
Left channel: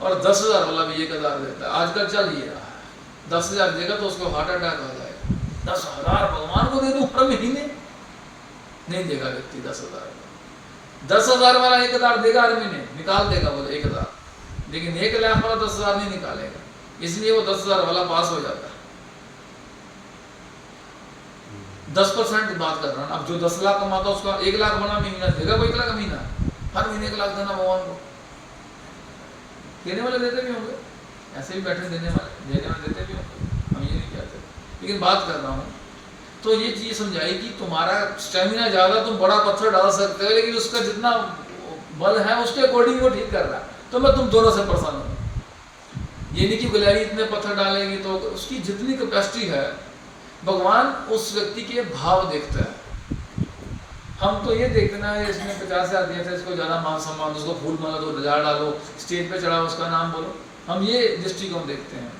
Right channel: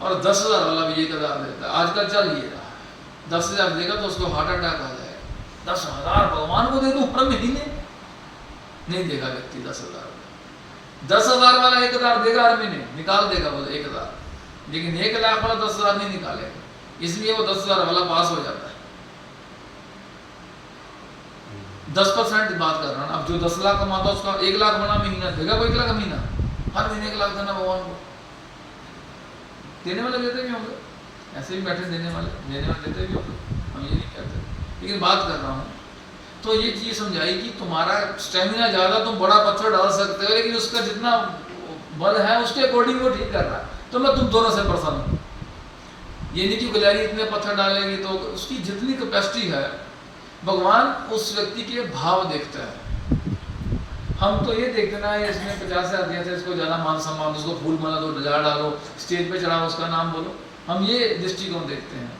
और 10,000 वाला भी 1,000 देता है। आजकल चल ये रहा है, 10,000 देगा तो उसको हार्ट अटैक आ जाएगा। 10,000 भगवान को दे दूं हर महीने? नहीं देगा व्यक्ति 10,000। 10,000 वाला 1,000 देगा हर महीने, निकाल देगा वो 1,000, लेकिन 1 लाख वाला 10,000 नहीं निकालेगा, इसलिए वो 10,000 वाला पास हो जाता है। 10% बात कर रहा हूँ। अब जो 10 लाख कमाता है उसका 1 लाख बना महीना, देगा वो 1 लाख महीना? हर महीने 1 लाख देना भगवान को? देने वाले देते भी होंगे, ऐसे भी बैठे देने वाले देते भी होंगे, हम ये नहीं कहते, लेकिन बात कर रहा हूँ तो ये चीज समझाई कि तुम्हारा स्टेमिना ज्यादा, तुम बड़ा पत्थर डाल सकते हो, लेकिन उसका जितना बल है उसके अकॉर्डिंग वो ठीक कर रहा है, तो मैं तुम दोनों से प्रसन्न हूँ। ये नहीं कि गिलहरी इतने पत्थर डालेगी, तो उसकी जितनी कैपेसिटी है भगवान उस व्यक्ति के भाव देखता है। हम तो ये देखते ना इसने 50,000 दिया था, इसको ज्यादा मान सम्मान, उसको फूल माला दो, ढिला डालो, स्टेज पे चढ़ाओ, उसका नाम बोलो, हम ये दृष्टिकोण देखते हैं।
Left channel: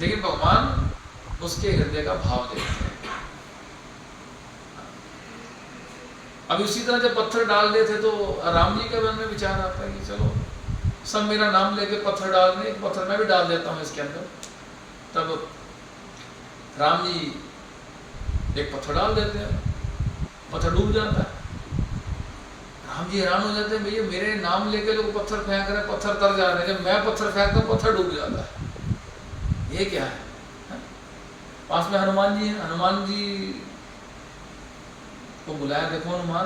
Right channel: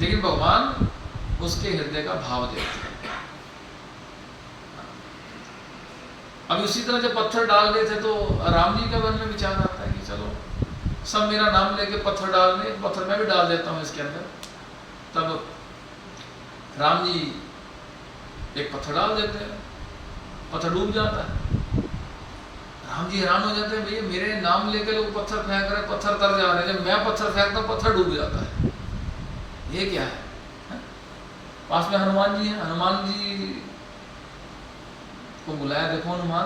लेकिन भगवान उसके हृदय का भाव देखते हैं। अब इसी तरह जब पत्थर डाल रहे थे तो राम जी के मन में विचार आता है कि चलो सब मेरा नाम लेके पत्थर डाल रहे, पत्थर मैं भी डाल देता हूँ इसके अंदर। तब राम जी एक पत्थर डाल देते हैं, पत्थर डूब जाता है। राम जी हैरान हो जाते हैं, भैया मेरे नाम लेके लोग पत्थर फेंक रहे, पत्थर तर जा रहे हैं, जब मैं पत्थर फेंकता हूँ पत्थर डूब जाता है, ये क्या है? पास में हनुमान जी हैं, हनुमान जी को बुलाया, देखो हनुमान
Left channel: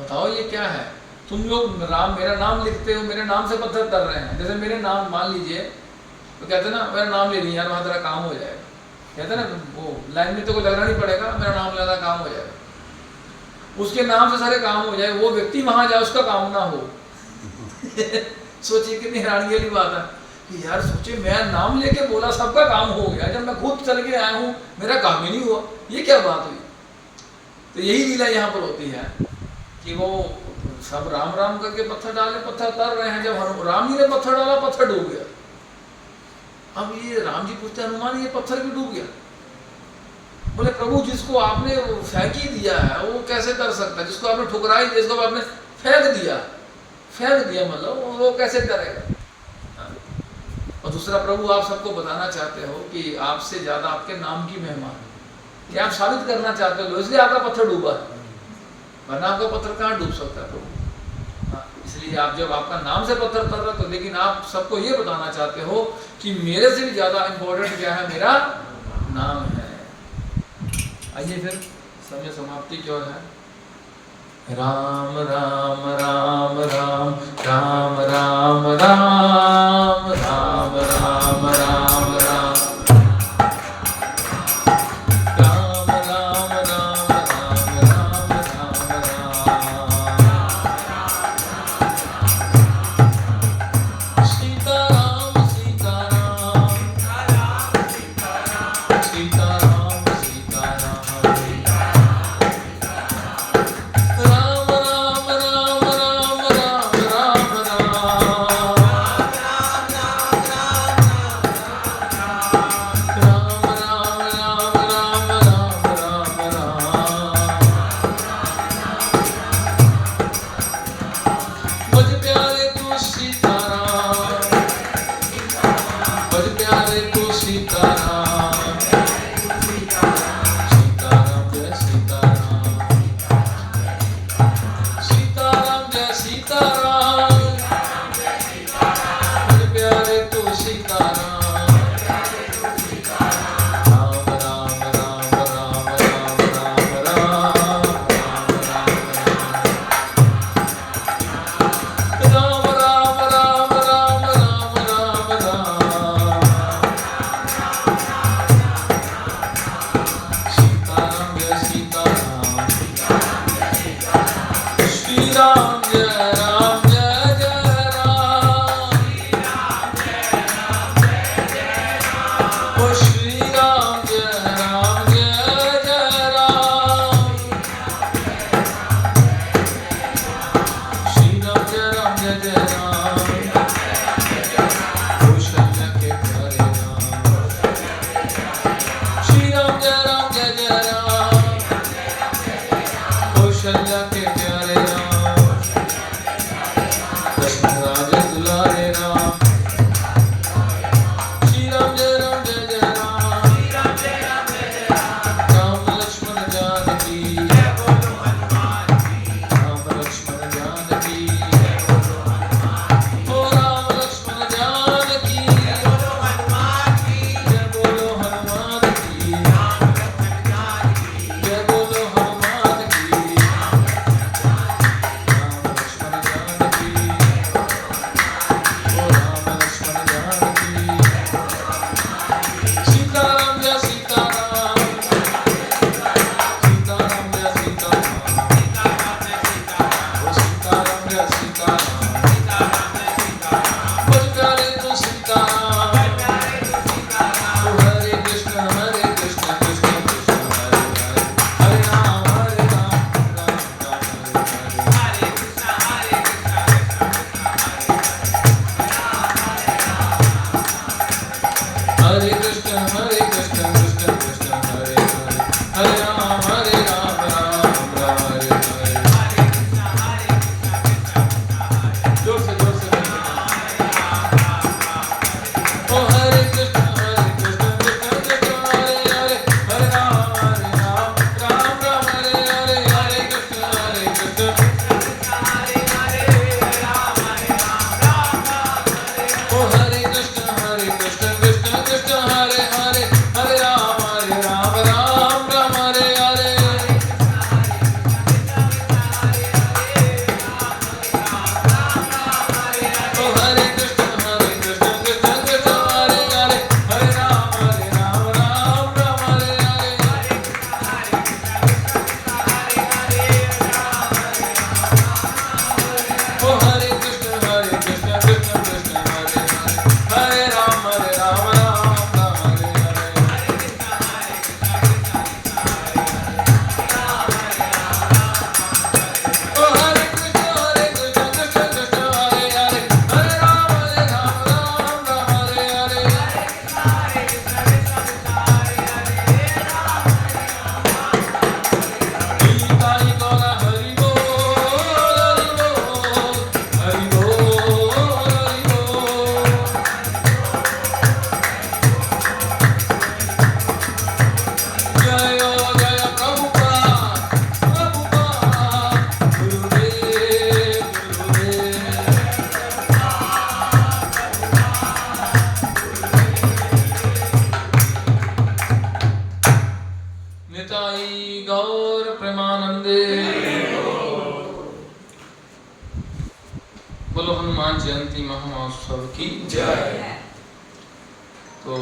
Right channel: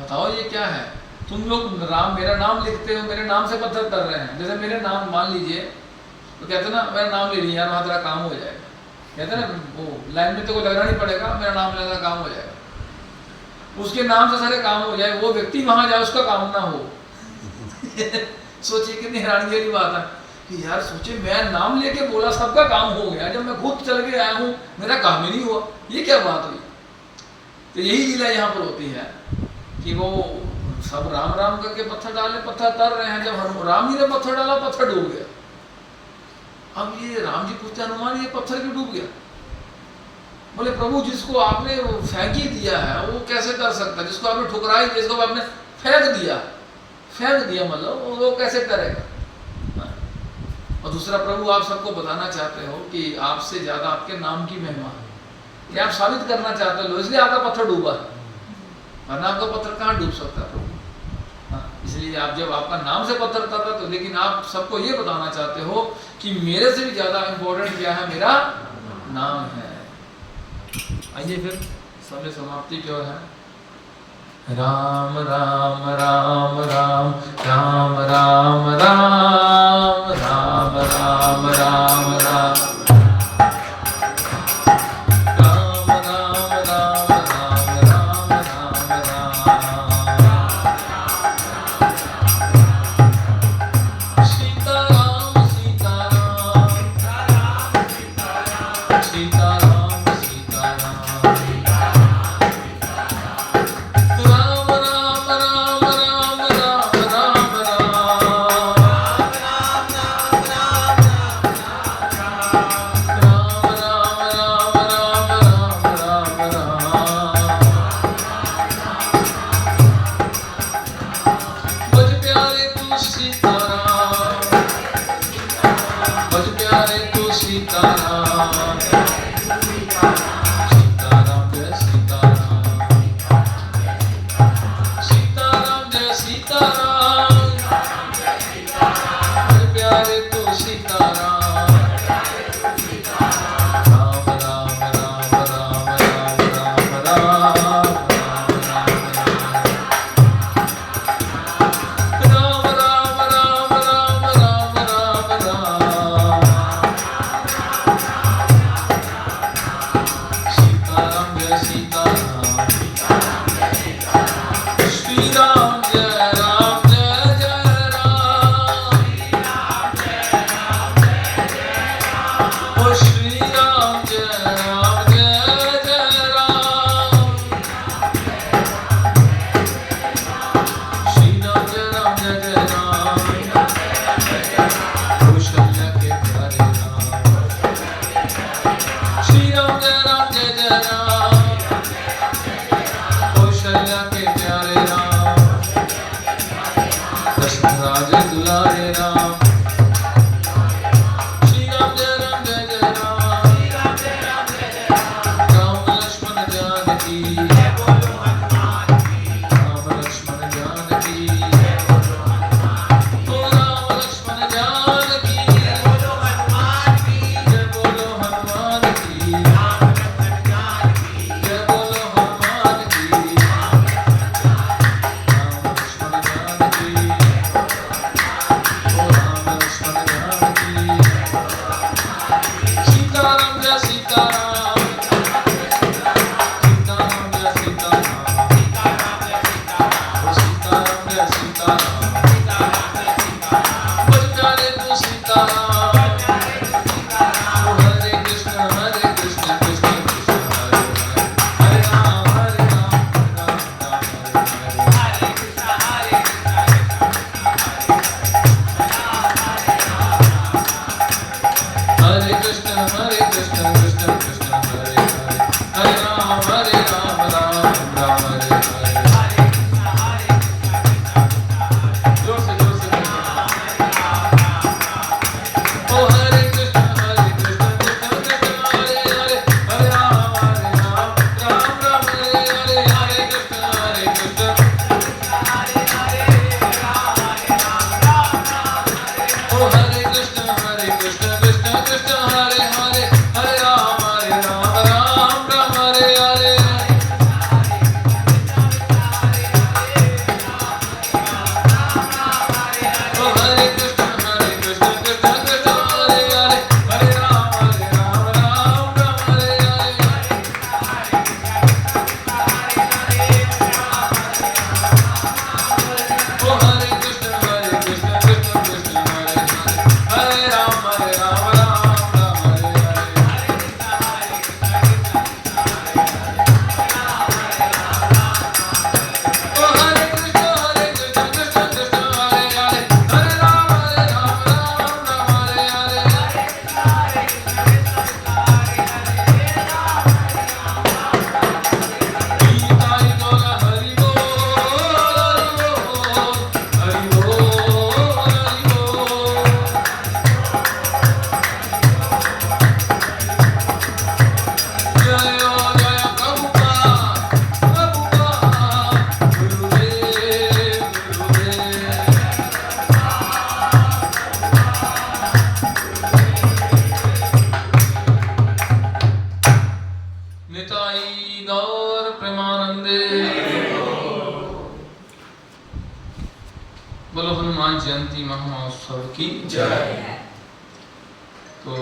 बताओ ये क्या है? तुम लोग मेरा नाम लिखते हो, मेरे नाम से पत्थर कर रहे हैं। जैसे मेरे नाम मान लीजिए, तो कहते ना मेरा नाम ले लिया, वहां तेरा काम हो जाएगा, कहते ना वो लाइन में तो कोई लगना नहीं पड़ेगा, मेरा नाम लेना काम हो जाएगा। उसके नाम से सारे काम हो जाए, वो व्यक्ति वहां जाए उसका काम ना हो सोचिए कितनी हैरानी वाली बात है कि यार सोचिए मैं नाम लेके बोला, सबका काम हो गया, जब मैं खुद चल के आया हूँ मेरा काम ही नहीं हुआ, ये क्या बात हुई? तो यही लीला यहाँ पर होती है कि वो सब राम राम करके पत्थर डालने, पत्थर तर रहे हैं, जब राम जी ने पत्थर डाला पत्थर डूब गया। अब ये राम जी पूछते हनुमान ये पत्थर क्यों डूब गया? बोले प्रभु जिसको आपने फेंक ही दिया है वो कैसे कर सकता है? जिसको आपने ठुकरा ही दिया, जिसको आपने फेंक दिया मतलब वो कैसे करेगा? और दूसरा प्रभु आप सबको बताना चाहते हो कि आपसे ज्यादा आपके नाम की महिमा है, कि आप साबित करना चाहते हो, इसलिए आपका पत्थर डूबा, वरना आपका पत्थर कहाँ डूब सकता है प्रभु? इसलिए आप जब आपका नाम से पत्थर कर रहे, तो लेकिन आप सबको ये बताना चाहते हो कि मेरे से भी ज्यादा इंपॉर्टेंट क्या है? मेरा नाम है। आइए फिर समय समाप्ति की ओर है। राम राम राम राम राम राम राम राम राम राम राम राम, कौशल्या के प्यारे राम, दशरथ राजे दुलारे राम, श्री राम जय राम, राम लक्ष्मण जानकी, राम लक्ष्मण जानकी, ओ राम लक्ष्मण जानकी, जय बोलो हनुमान की, जय बोलो हनुमान की, राम लक्ष्मण जानकी, ओ राम लक्ष्मण जानकी, सीताराम जय सीताराम, सीताराम जय सीताराम, ओ सीताराम जय सीताराम, बज प्यारे तू सीताराम, ओ हरे कृष्ण कृष्ण कृष्ण हरे हरे, हरे राम राम राम हरे हरे, हरे कृष्ण कृष्ण कृष्ण हरे हरे, हरे राम राम राम हरे हरे। जोर से ओ हरे कृष्ण कृष्ण कृष्ण हरे हरे, हरे राम राम राम हरे हरे, हरे कृष्ण ओ हरे कृष्ण कृष्ण कृष्ण हरे हरे, हरे राम राम राम हरे हरे। ओ हरे कृष्ण कृष्ण कृष्ण हरे हरे, हरे राम राम हरे हरे। ओ हरे कृष्ण कृष्ण कृष्ण हरे हरे, हरे राम राम हरे हरे। ओ हरे कृष्ण कृष्ण कृष्ण हरे हरे, हरे राम हरे हरे। गीताई गौरा हरि बोल, हरि बोल, हरि बोल। जय जय प्रभुपाद, प्रभुपाद, गुरुदेव गुरुदेव। निताई गौर प्रेमानंदे। बोलो हनुमान जयंती महोत्सव की जय। तो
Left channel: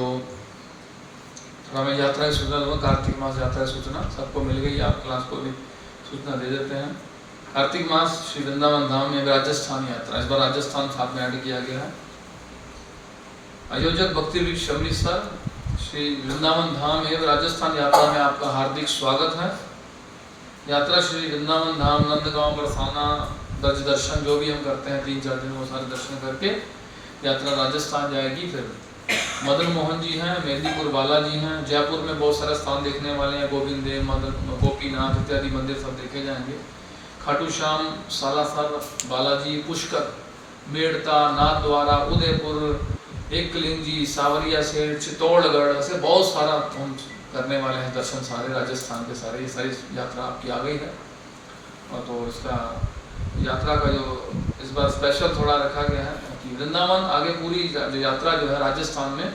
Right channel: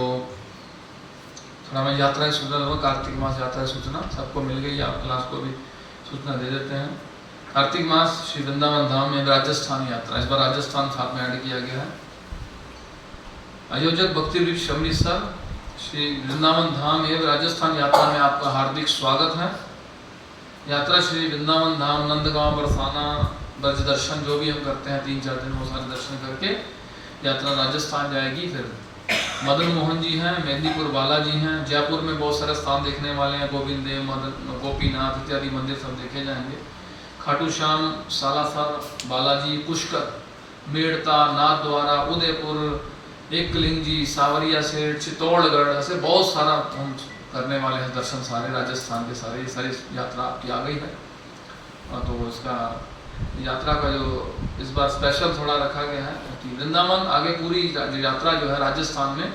थोड़ा मैं यात्रा की सूचना दूंगा, कार्तिक मास यात्रा की सूचना सबको मिल गई, आप क्लास को भी सूचना दे देते हैं। कार्तिक मास श्री वृंदावन धाम में राजस्थान यात्रा, इस बार राजस्थान साथ में ऐड किया गया है। आयोजक भक्ति वृक्ष अमृतसर श्री वृंदावन धाम एवं राजस्थान यात्रा में आपका हार्दिक स्वागत है। यात्रा श्री वृंदावन धाम, नंदगांव, बरसाना, ब्रज दर्शन जो भी हम करते हैं 3-4 दिन वो सारे दर्शन करके यात्रा राजस्थान जाएगी। फिर मदन मोहन जी हैं, मेहंदीपुर बालाजी हैं, जयपुर में बहुत सारे स्थान देखने वाले हैं, गोविंद देव, मदन गोपीनाथ इत्यादि मंदिर सब देखे जाएंगे। खाटू श्याम, सालासर, बालाजी, पुष्कर, मेड़ता, नाथद्वारा, उदयपुर, एकलिंग जी, सावरिया सेठ, चित्तौड़गढ़, ऐसे बहुत सारा हम करने वाले हैं दर्शन सारे राजस्थान के सारे। ये सारी यात्रा आपकी आ गई है। और तो इसका यात्रा का जो इस बार स्पेशल थोड़ा रखा गया है कि वृंदावन आगे पूरी यात्रा जो है राजस्थान में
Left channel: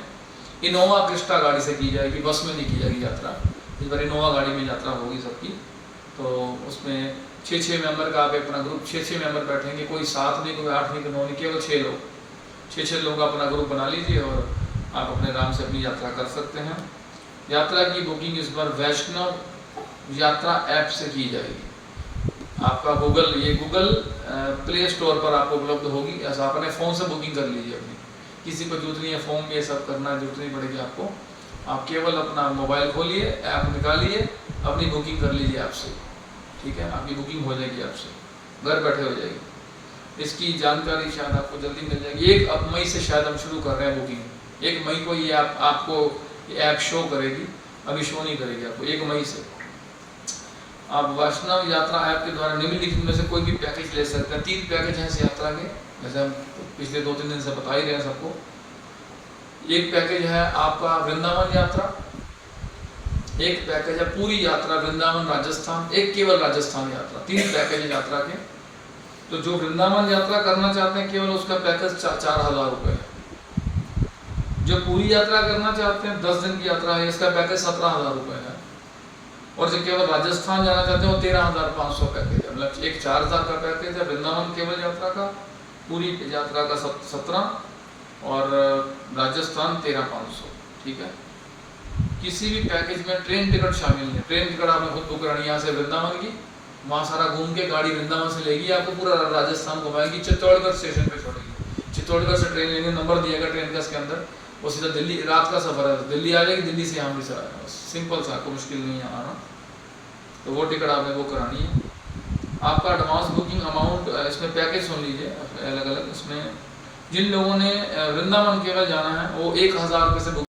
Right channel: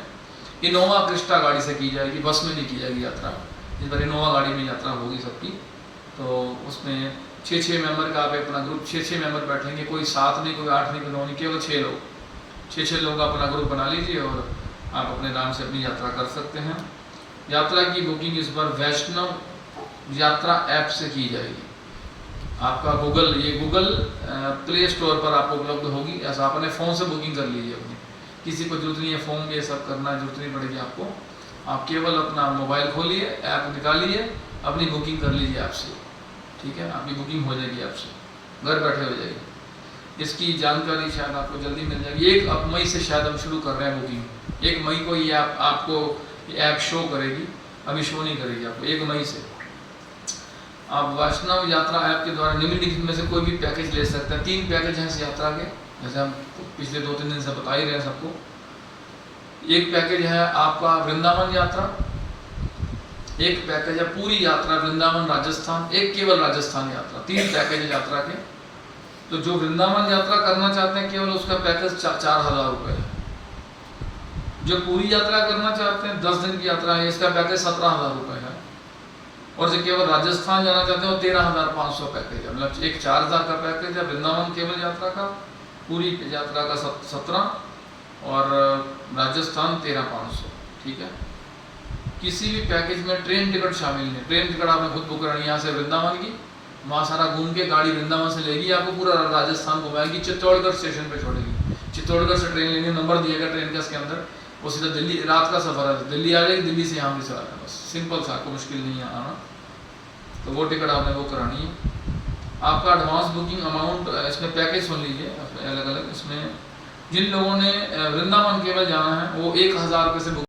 इनोवा क्रिस्टा गाड़ी से की जाएगी, बस में नहीं की जाएगी यात्रा। इस बार इनोवा गाड़ी में यात्रा होगी सबकी। तो उसमें 6-6 मेंबर का आप अपना ग्रुप, 6-6 मेंबर बैठेंगे, कोई 7 नहीं, कोई 8 नहीं, कोई 9 नहीं, केवल 6 लोग, 6-6 लोगों का अपना ग्रुप बना लीजिए और आप अपने आराम से अपनी यात्रा कर सकते हैं। यात्रा की बुकिंग इस बार वैष्णव यात्रा ऐप से की जाएगी। आपका गूगल प्ले स्टोर पर आपको उपलब्ध होगी। ऐसा आप अपने फ़ोन से बुकिंग कर लीजिए अपनी, किसी को जरूरत नहीं है फॉर्म ये सब करना, जरूरत नहीं पड़ेगी आपको। आप केवल अपना मोबाइल खोलिए, ऐप निकालिए, अपनी बुकिंग कर लीजिए आपसे, ठीक है। आपकी बुकिंग हो जाएगी आपसे, घर बैठे हो जाएगी। इसकी जानकारी शायद आपको जल्दी मिल जाएगी। 1 मई से शायद हम शुरू कर रहे हैं बुकिंग। 1 मई को ये आपको ऐप शो करेगी। अभी शो नहीं करेगी आपको 1 मई से। आप वैष्णव यात्रा ऐप के द्वारा निम्नलिखित में से कोई भी पैकेज ले सकते हैं। 3 पैकेज हैं इस यात्रा के, जैसे हम पिछले 2-3 दिन से बता ही रहे हैं सबको। एक पैकेज है आपका वृंदावन यात्रा, एक पैकेज है पूरी यात्रा वृंदावन राजस्थान, एक केवल राजस्थान यात्रा। 3 पैकेज है यात्रा के। तो जो वृंदावन यात्रा करना चाहते हैं केवल उसका पैकेज 4,000 रुपये है। जो पूरी यात्रा करना चाहते हैं 10 दिन की यात्रा है, इसका पैकेज 17,000 रुपये है। और जो केवल राजस्थान जाना चाहते हैं वो 13,500 पैकेज है। मतलब एक 4,000 का पैकेज है वृंदावन केवल यात्रा का, पूरी यात्रा का 17 और राजस्थान 13,500। ठीक है। किसी भी पैकेज में ट्रेन टिकट शामिल नहीं। ट्रेन टिकट आपने खुद बुक करनी है यहाँ से वृंदावन की, वहाँ सारा घूम के गाड़ी वृंदावन से लेगी, आपको पूरा राजस्थान घुमाएगी, चित्तौड़गढ़ स्टेशन पे छोड़ेगी। चित्तौड़गढ़ से ट्रेन लेंगे, नंबर दिएगा ट्रेन का इसके अंदर, वो सीधा दिल्ली, रात का सफर है, दिल्ली आ जाएगी, दिल्ली से यहाँ भी आएगा। बस सिंपल सा, कोई मुश्किल नहीं है आना। तो वो टिकट आपने बुक करानी है। आपका एडवांस बुकिंग अमाउंट, इसमें पैकेज सुन लीजिए अलग अलग। इसमें जिन लोगों ने वृंदावन केवल जाना है वो 1,000 रुपये से